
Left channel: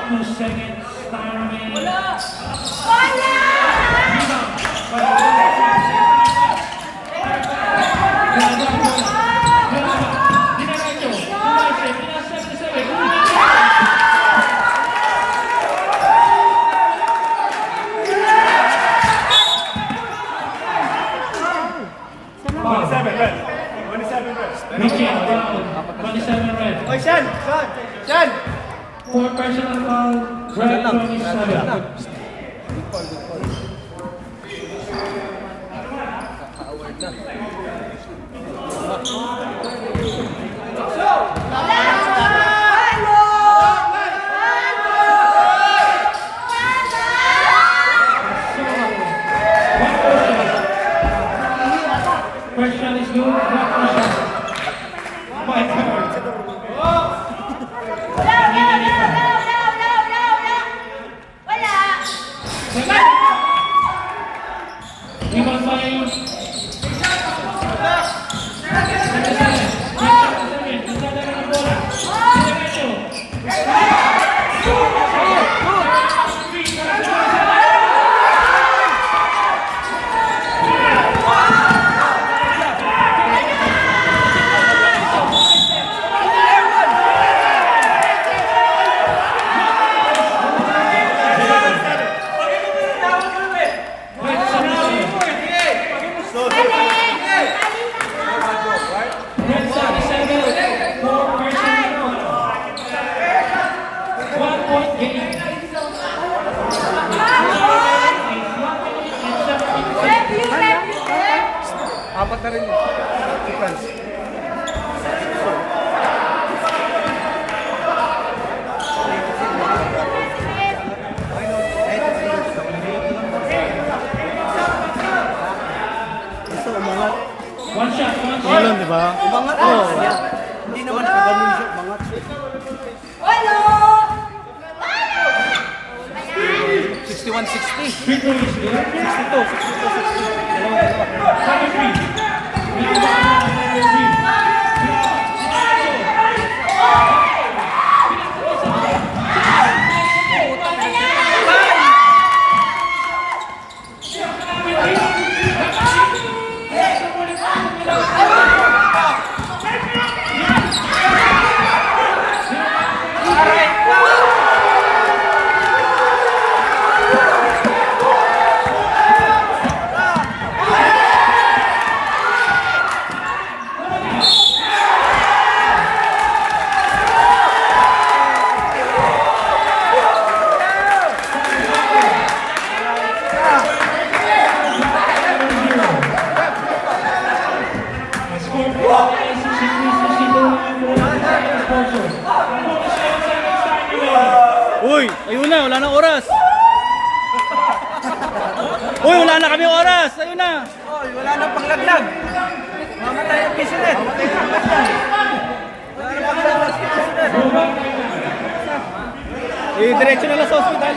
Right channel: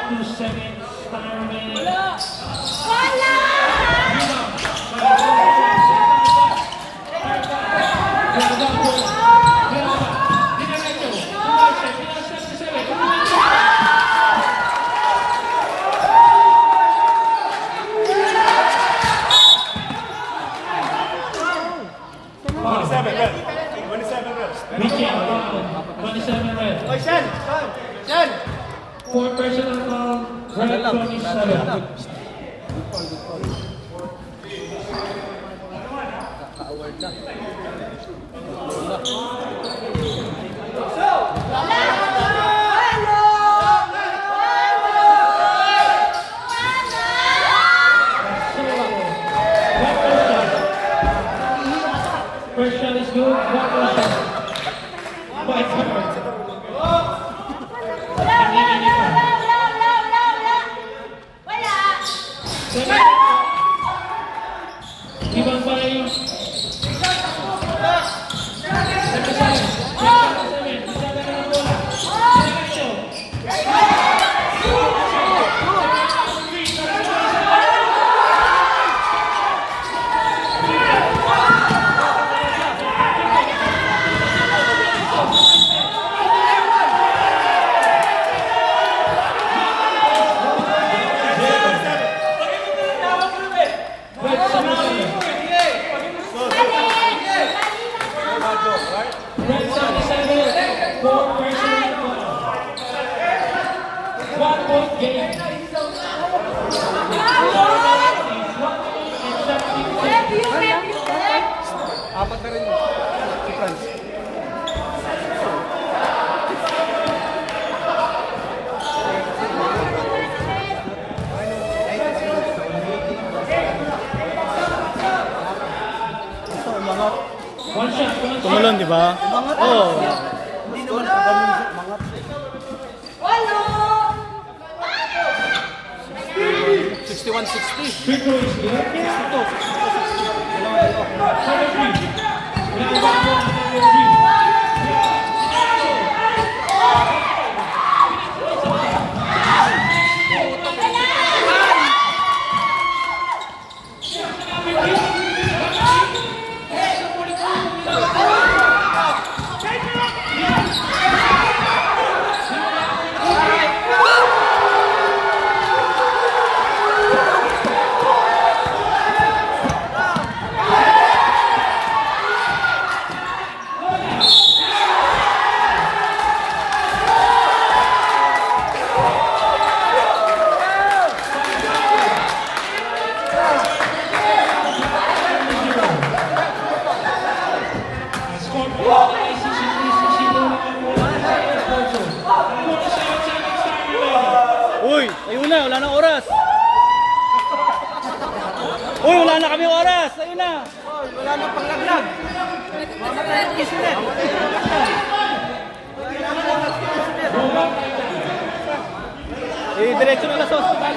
Two seconds. Time remaining. Grabe ang bola. Grabe. Diretso. Tumalsik. Pinasa ni Seven. Retail foul. 27 red. Oy, Sean! Sean! Four personal foul. Red 27. Ka-award na. First shot is good. Back shot. By Trevor. Ibang tayo. 77. Red shot 7. Nagdadala ng bola. Diretso. Red 77. Red 77. Four personal foul. 1 point game. Apat na rin yun. Si Franz. One shot. Tumalon, di ba? Oo. Hindi naman sa ganun siya. 61-60. Free throw is good. 62. 62. Number 3. We have one number 3. Score for the ICC is the Shiloh and Royal Sponsor. 47 seconds time remaining. Uy, ayun na, wala nang oras. Uy, wala na kami oras. Ayun na. Oy, wala nang paglaglag. Mamatay ang kiss ulit. Go back like that. Diretso nila sa ospital.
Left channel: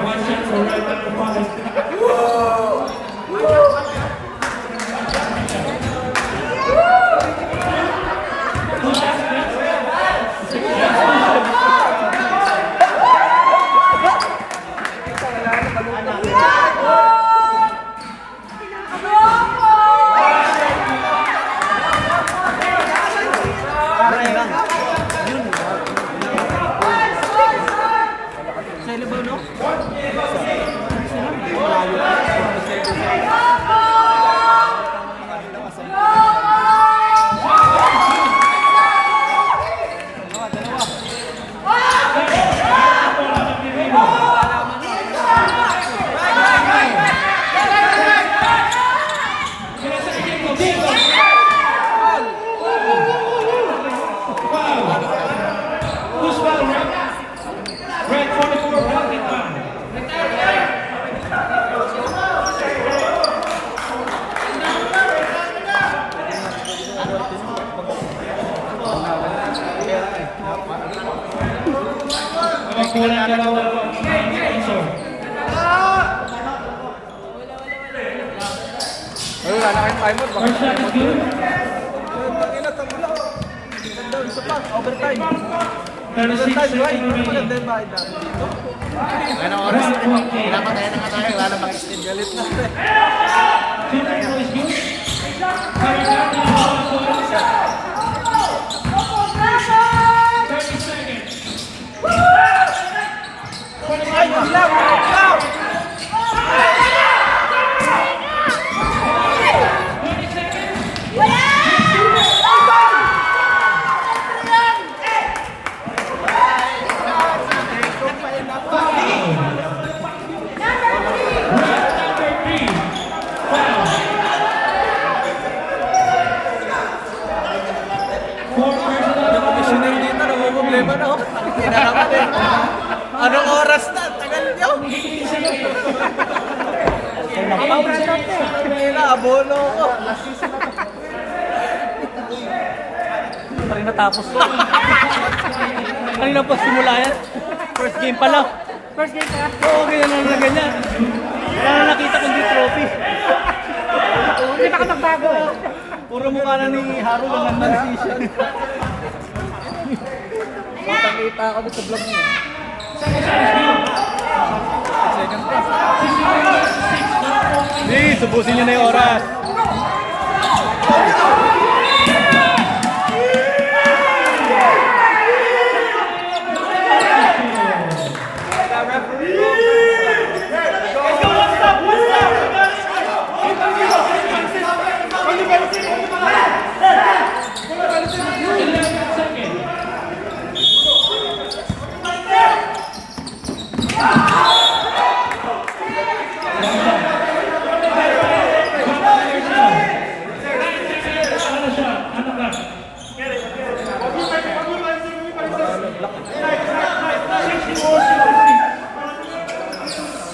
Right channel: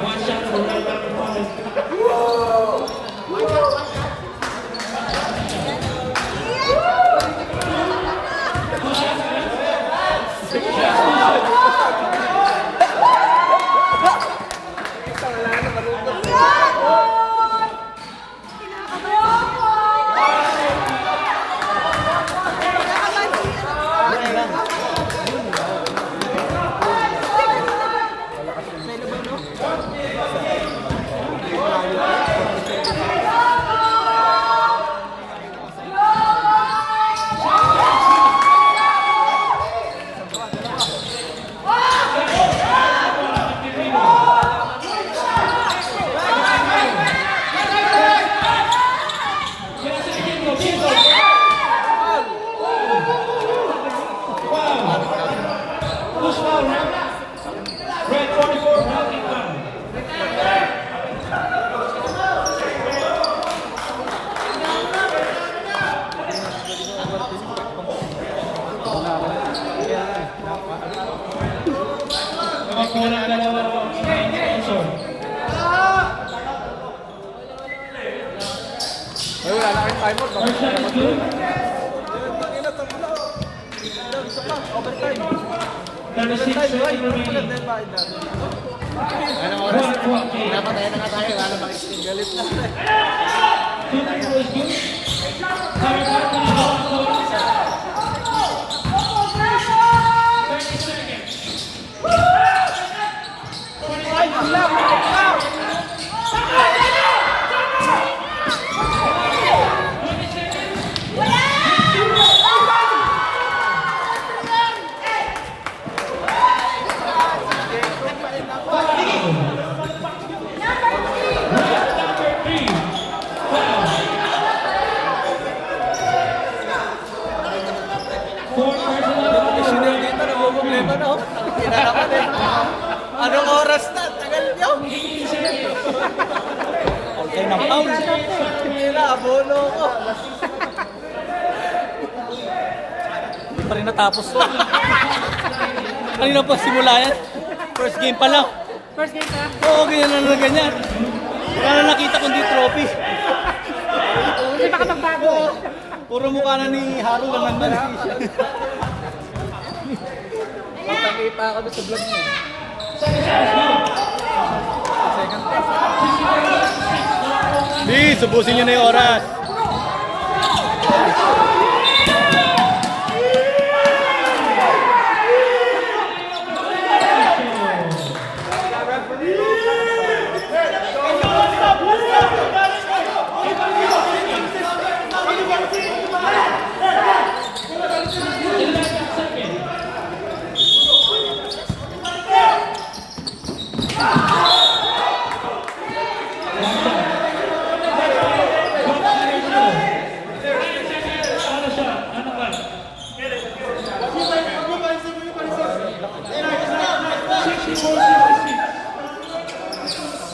One shot for red number 5. Ay, wala na kayong timer. Bakit First shot is good. ina tatlo? Ganda, isa pa. Overtime. 36 Overtime, seconds right? Ano pala, remaining. bayad natin? One point game. Galit na. Two free throws good. Fire back to the ball scorer. 30 seconds. 20 seconds. Four personal foul. Commissioner dito, problema na. Ina naman eh. Anong oras na? Tagal nyo. Anong brand Ina, abono ko. Pa rin natapos na. Kanina pa simula yan. First game pa lang. First game ka? Oo, ganyan na ganyan. Kaya nakita ko di trophy. Hindi baka magbago eh. Puro mukha na ni Haru lang naman siya. Kitang-kita ako doon sa vlog niya. Please, subusin nyo na yung oras.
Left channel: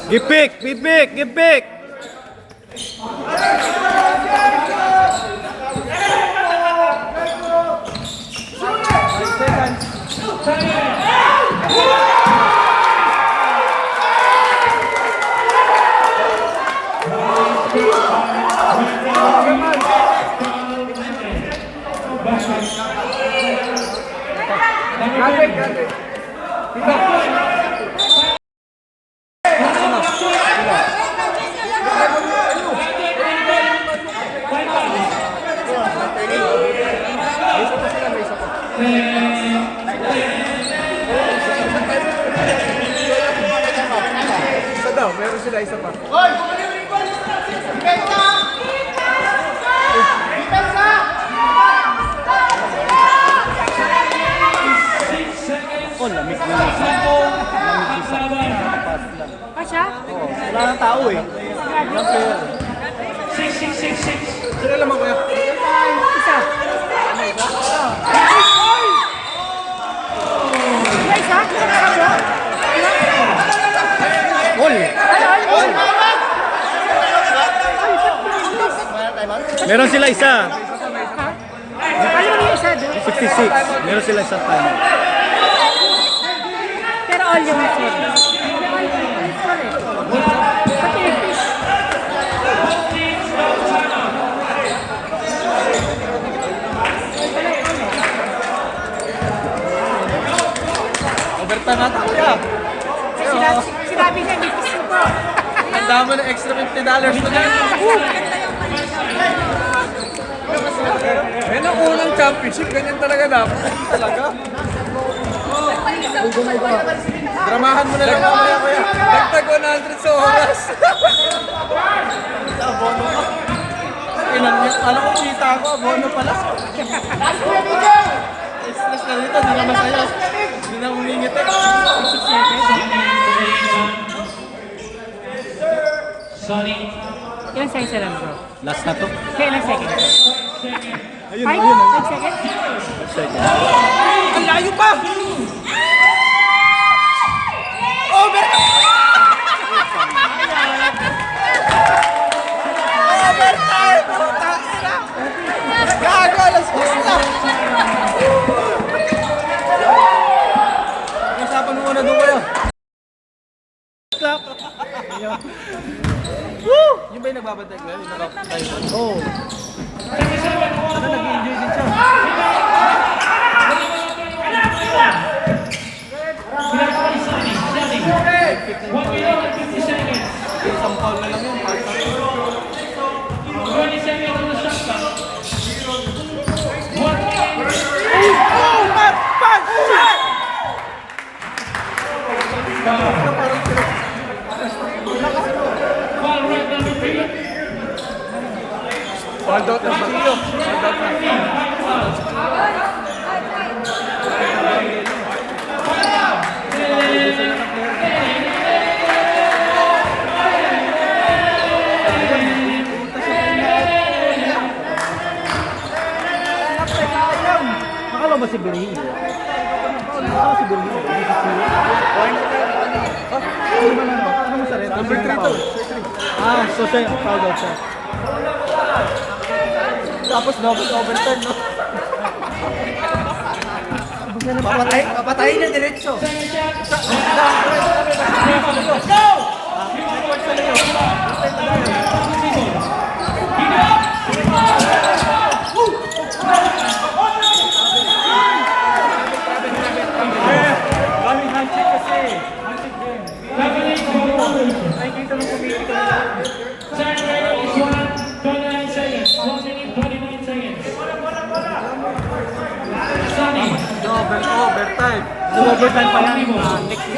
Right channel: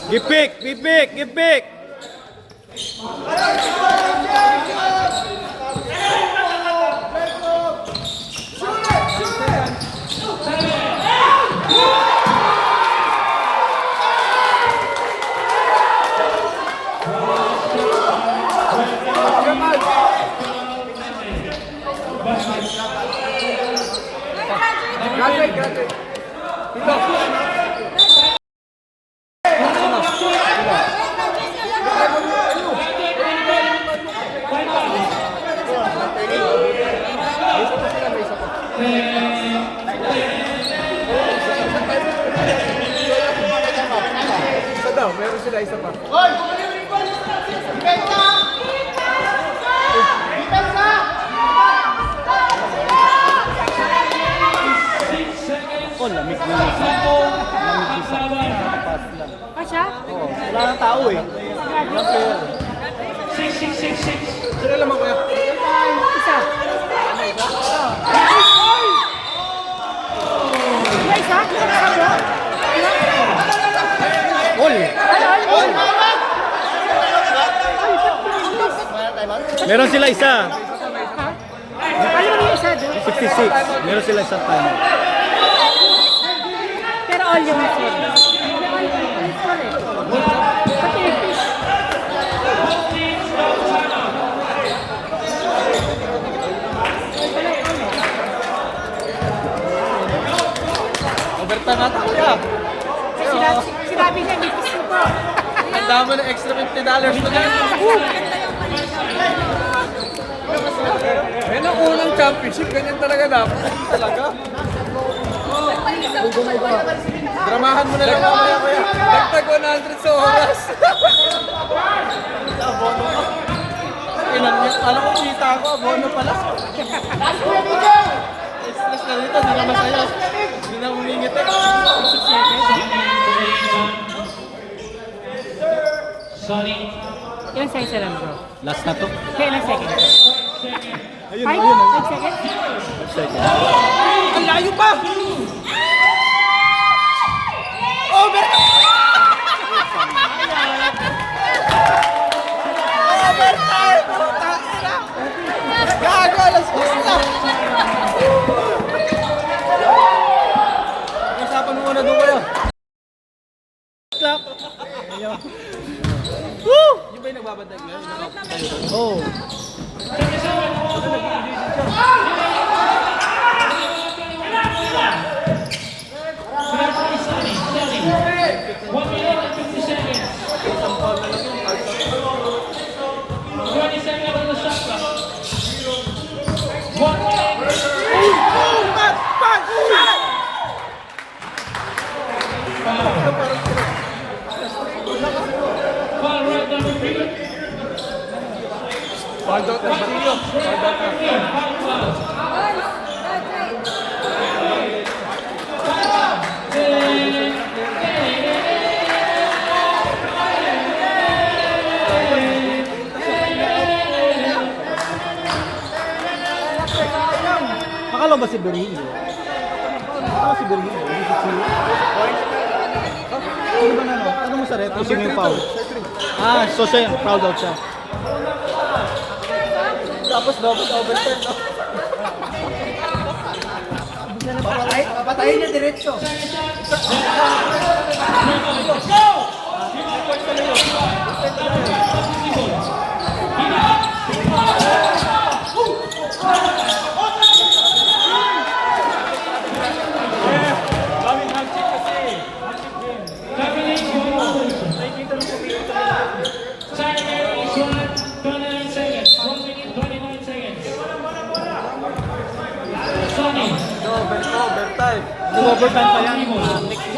Give pick, give pick, give pick. Isa daw, meron sila isa pa. Oh, lamig na. Ah, siya? Wala nang tao eh. Walang player. 6-6-6-6. Sino naman kuya? Isa. May isa? All. Meron sila isa. Ano yung isa doon? 66. Meron sila isang timer. Pero all yung score. All yung score eh. Pati yung fish. Overtime ata kuya. Sinabi niya, may fish po. Ang dami ng extra $50 na dyan. Yan ang unang championship, ganyan talaga dapat. Talaga? Dramahan mo na lang mamaya kuya. Dagdag 100 sa oras. Abono ka. Ilan niya? Alam ko kita ako, abono pala. Stress na dito, hindi na masaya. Hindi na umingit eh. Sorry. Ilang seconds na lang bro? Last na to. Kaya ilang seconds? Ayun, 5? ayun. 5 seconds? Second. Ang layo pa! Overtime! Gago, alas 10 na! Usapan mo muna doon kayo. Clap! Woo! Yung ba yung nagbabatay ko yun. Nagbabatay ko. Oo. 37, 1-4. Grab by Sunny. 1 minute and 50 seconds. Isang foul na lang yun. Running Samuel on the shot clock. 1 minute. Foul right number 3. Fouled out ng Barrio. Fouled out na. Akala ba si Berhilo? Akala si Berhilo. Hindi si ano mo sa reto? So siya yung proud out siya. Tapos double overturn, no? Papatayin niya diretso. Overtime. Overtime pa yan. Next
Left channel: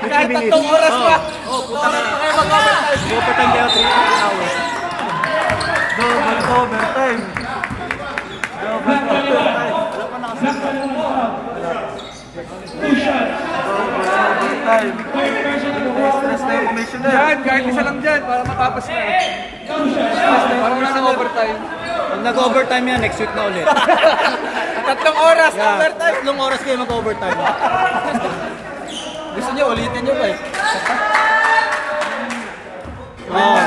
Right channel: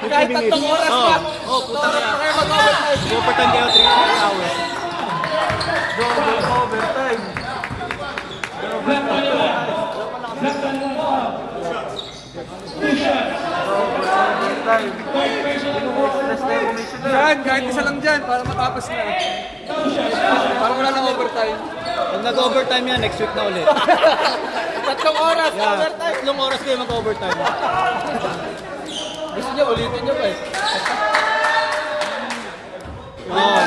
Kaya 3 oras pa. Puta na pa kayo mag-overtime. overtime kayo 3 hours. Overtime. Black 21. Black 21 foul. 2 shots. Overtime. Third person. Yan, kahit isa lang dyan para matapos na. Para wala ng overtime. Pag nag-overtime yan, next week na ulit. 3 oras Yeah, overtime. 3 oras kayo mag-overtime. Gusto niyo, ulitin niyo pa eh. Oh.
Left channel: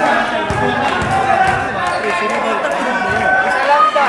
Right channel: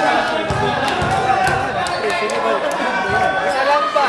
Isa lang pa.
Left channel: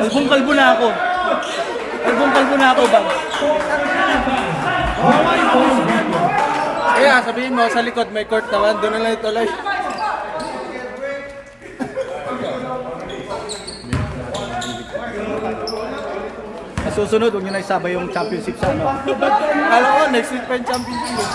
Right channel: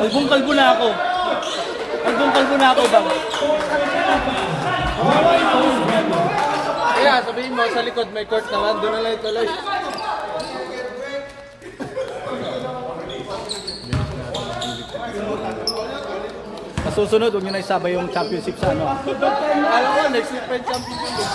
Kalbong-kalbo na ako. Kalbong-kalbo na ako, Bang. Kaya sabihin mo, sa likod may court naman, doon na lang ituloy. Sa susunod, huwag nyo na isabay yung championship sa ano. Kala ko, next week pa yung championship.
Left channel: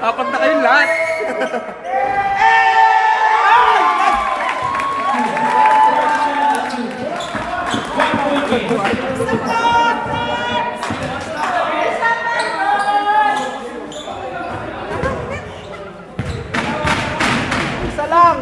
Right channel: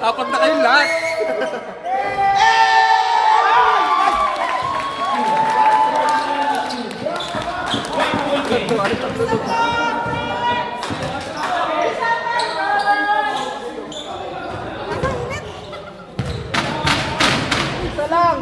Apat na kayong lahat. Isa lang!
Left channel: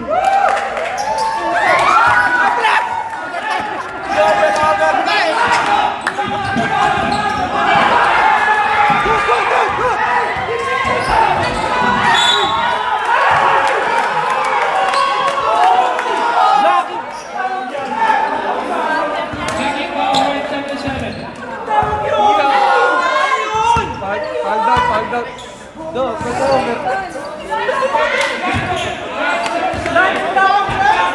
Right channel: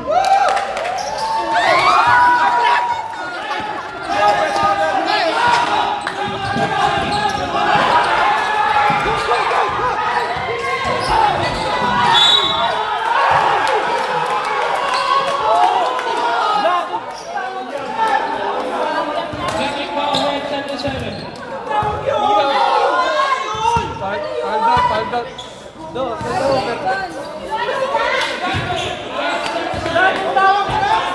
Second ball, White 7-7. Fouled out.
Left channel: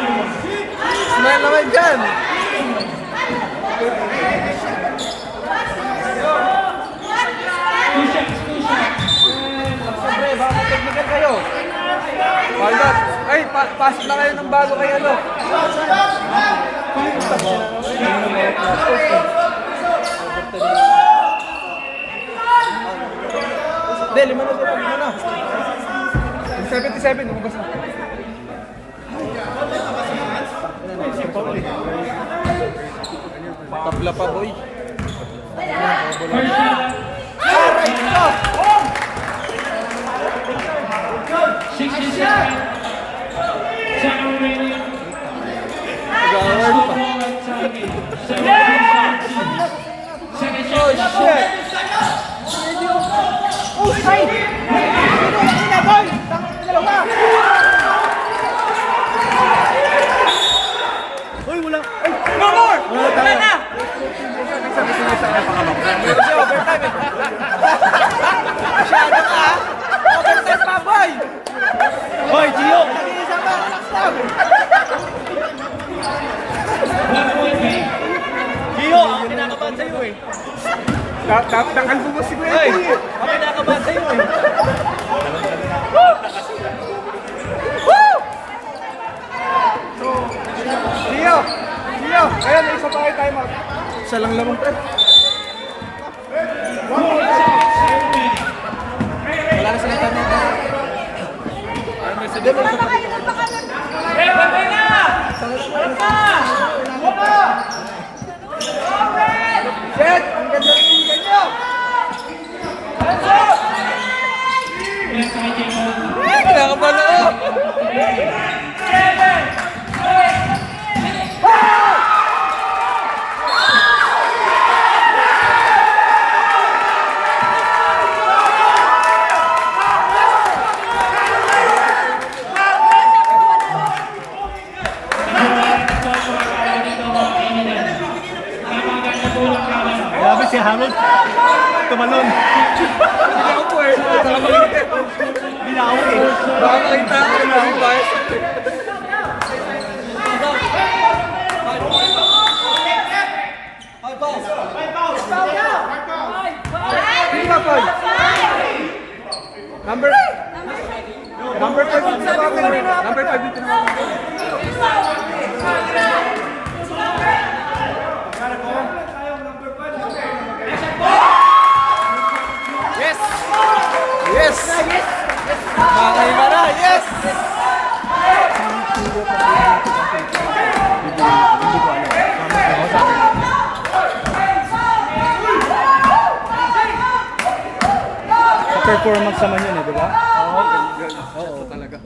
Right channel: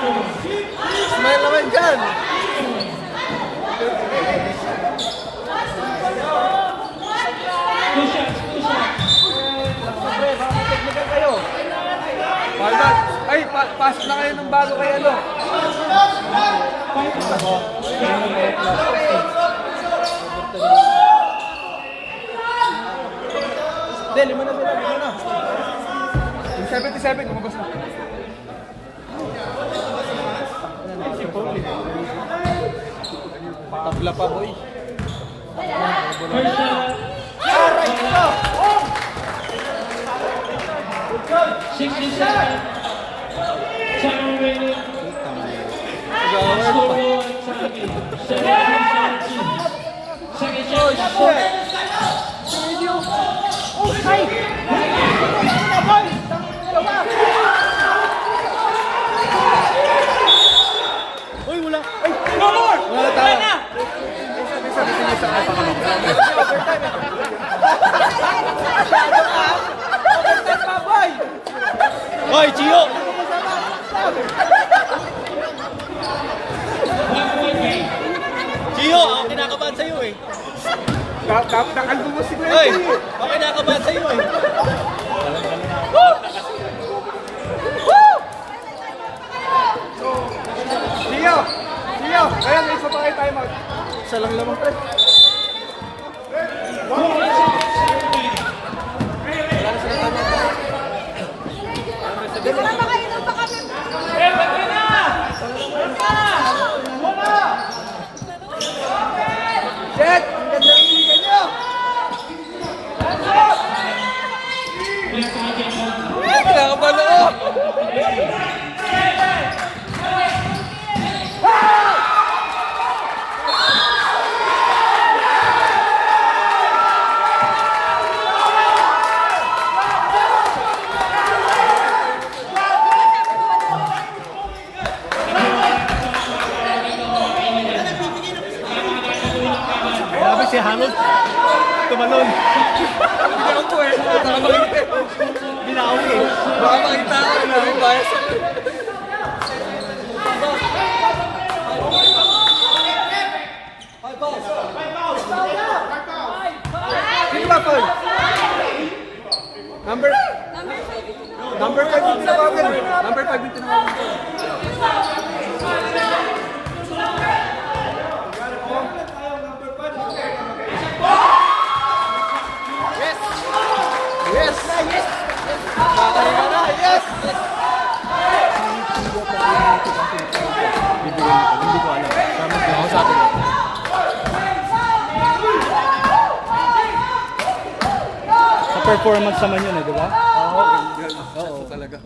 Smile naman dyan. Two shots. Baka technical kayo. Fouled out. Ay, pass na kayo ng bago kay ano. Hindi, 77, lumabas na. Tabla pa, boy. First shot. 67. Second rating. Nag-award pa. Second Oh, shot. shit! Uy, wala! Wala tayo. Hoy, Gio! 1 point game. Gio, ang kinakabahan sa'yo eh. Nakalbo mo si Kuya Hoy, T. ang kinakabahan sa'yo eh. Gio! Ayan, isa pa kayo timeout. Isa lang naman. 4 seconds remaining. Shit! Ang ganda ng liga nyo! Left side game on. Kinakabalo ko! Grabe si Harold. Tumalon. Ako po eh. Baka makita. Binawi eh. Baka makita ka na ako ba? Sige na, Koy. Number 5 dito na bago. Number 5 dito na bago. Yes! Yes! Okay ka na, yes! Hindi ko alam. Tama ko sa akin. Sa performance naman yun eh, di ba? Oo, talaga.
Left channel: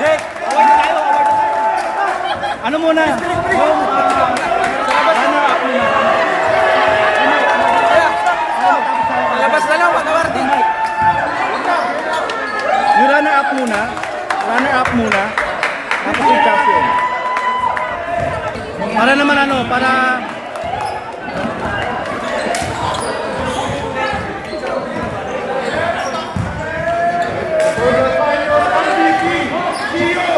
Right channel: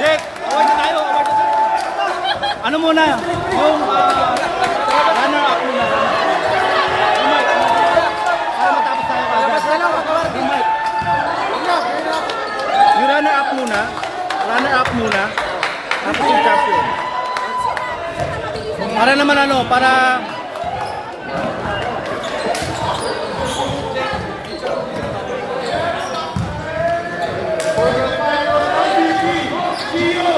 Jake! Award na tayo! Ano muna? runner-up muna. Labas na lang, mag-awarding. Yung runner-up muna, tapos yung champion. Para naman para... For the final MVP, Gio!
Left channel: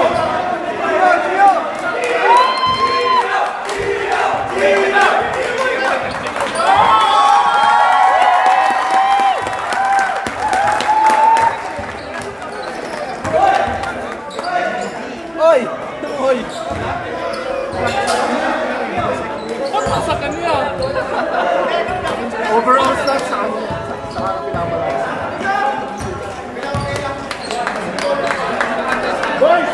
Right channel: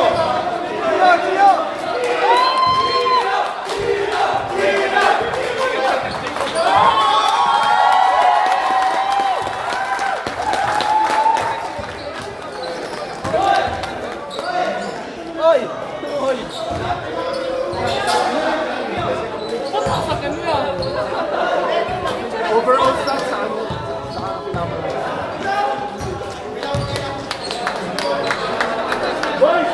Oy! Oy! Overall stats sa pinapalala. Boys!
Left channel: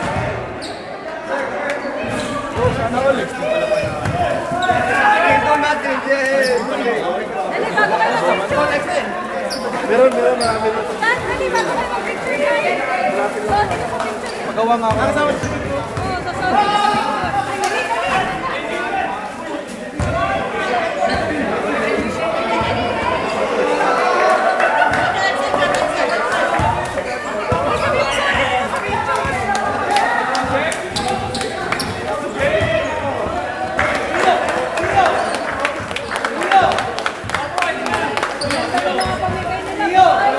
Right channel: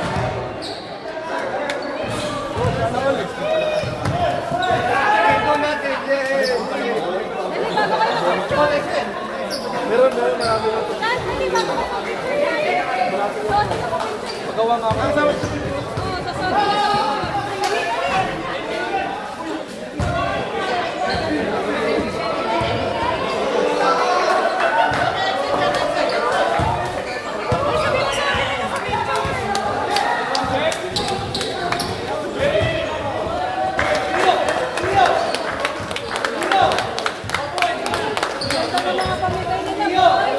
Dali, bago kayo mag-picture. Meron, marami. Dali, bago kayo mag-picture yan. So, dito po picture. Magawa nga. Oo, so, dali, dali. Ganda ng mga pamigay nila, boy.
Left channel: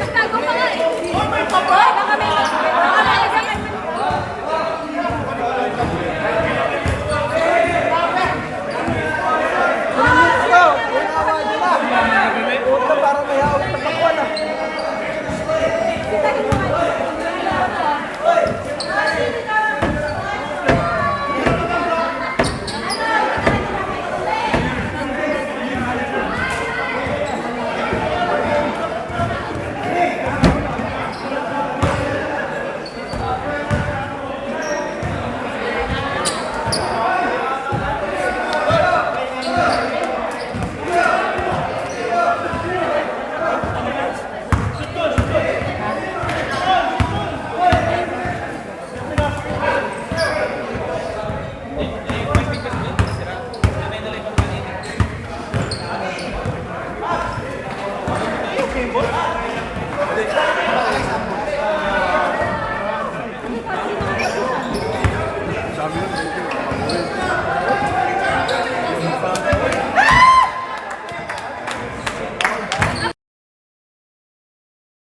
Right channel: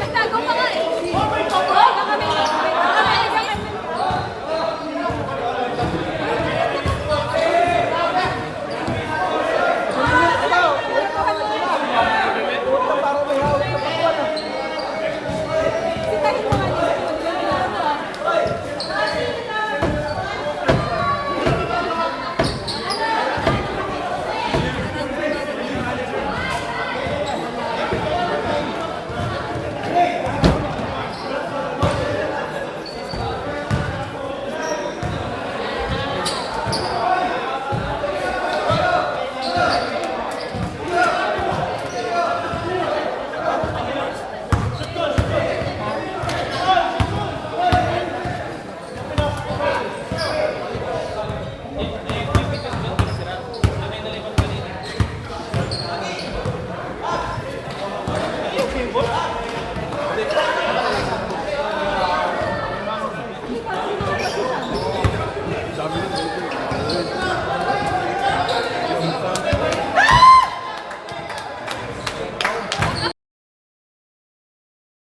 Nagtago pa nga eh. Boy, baka may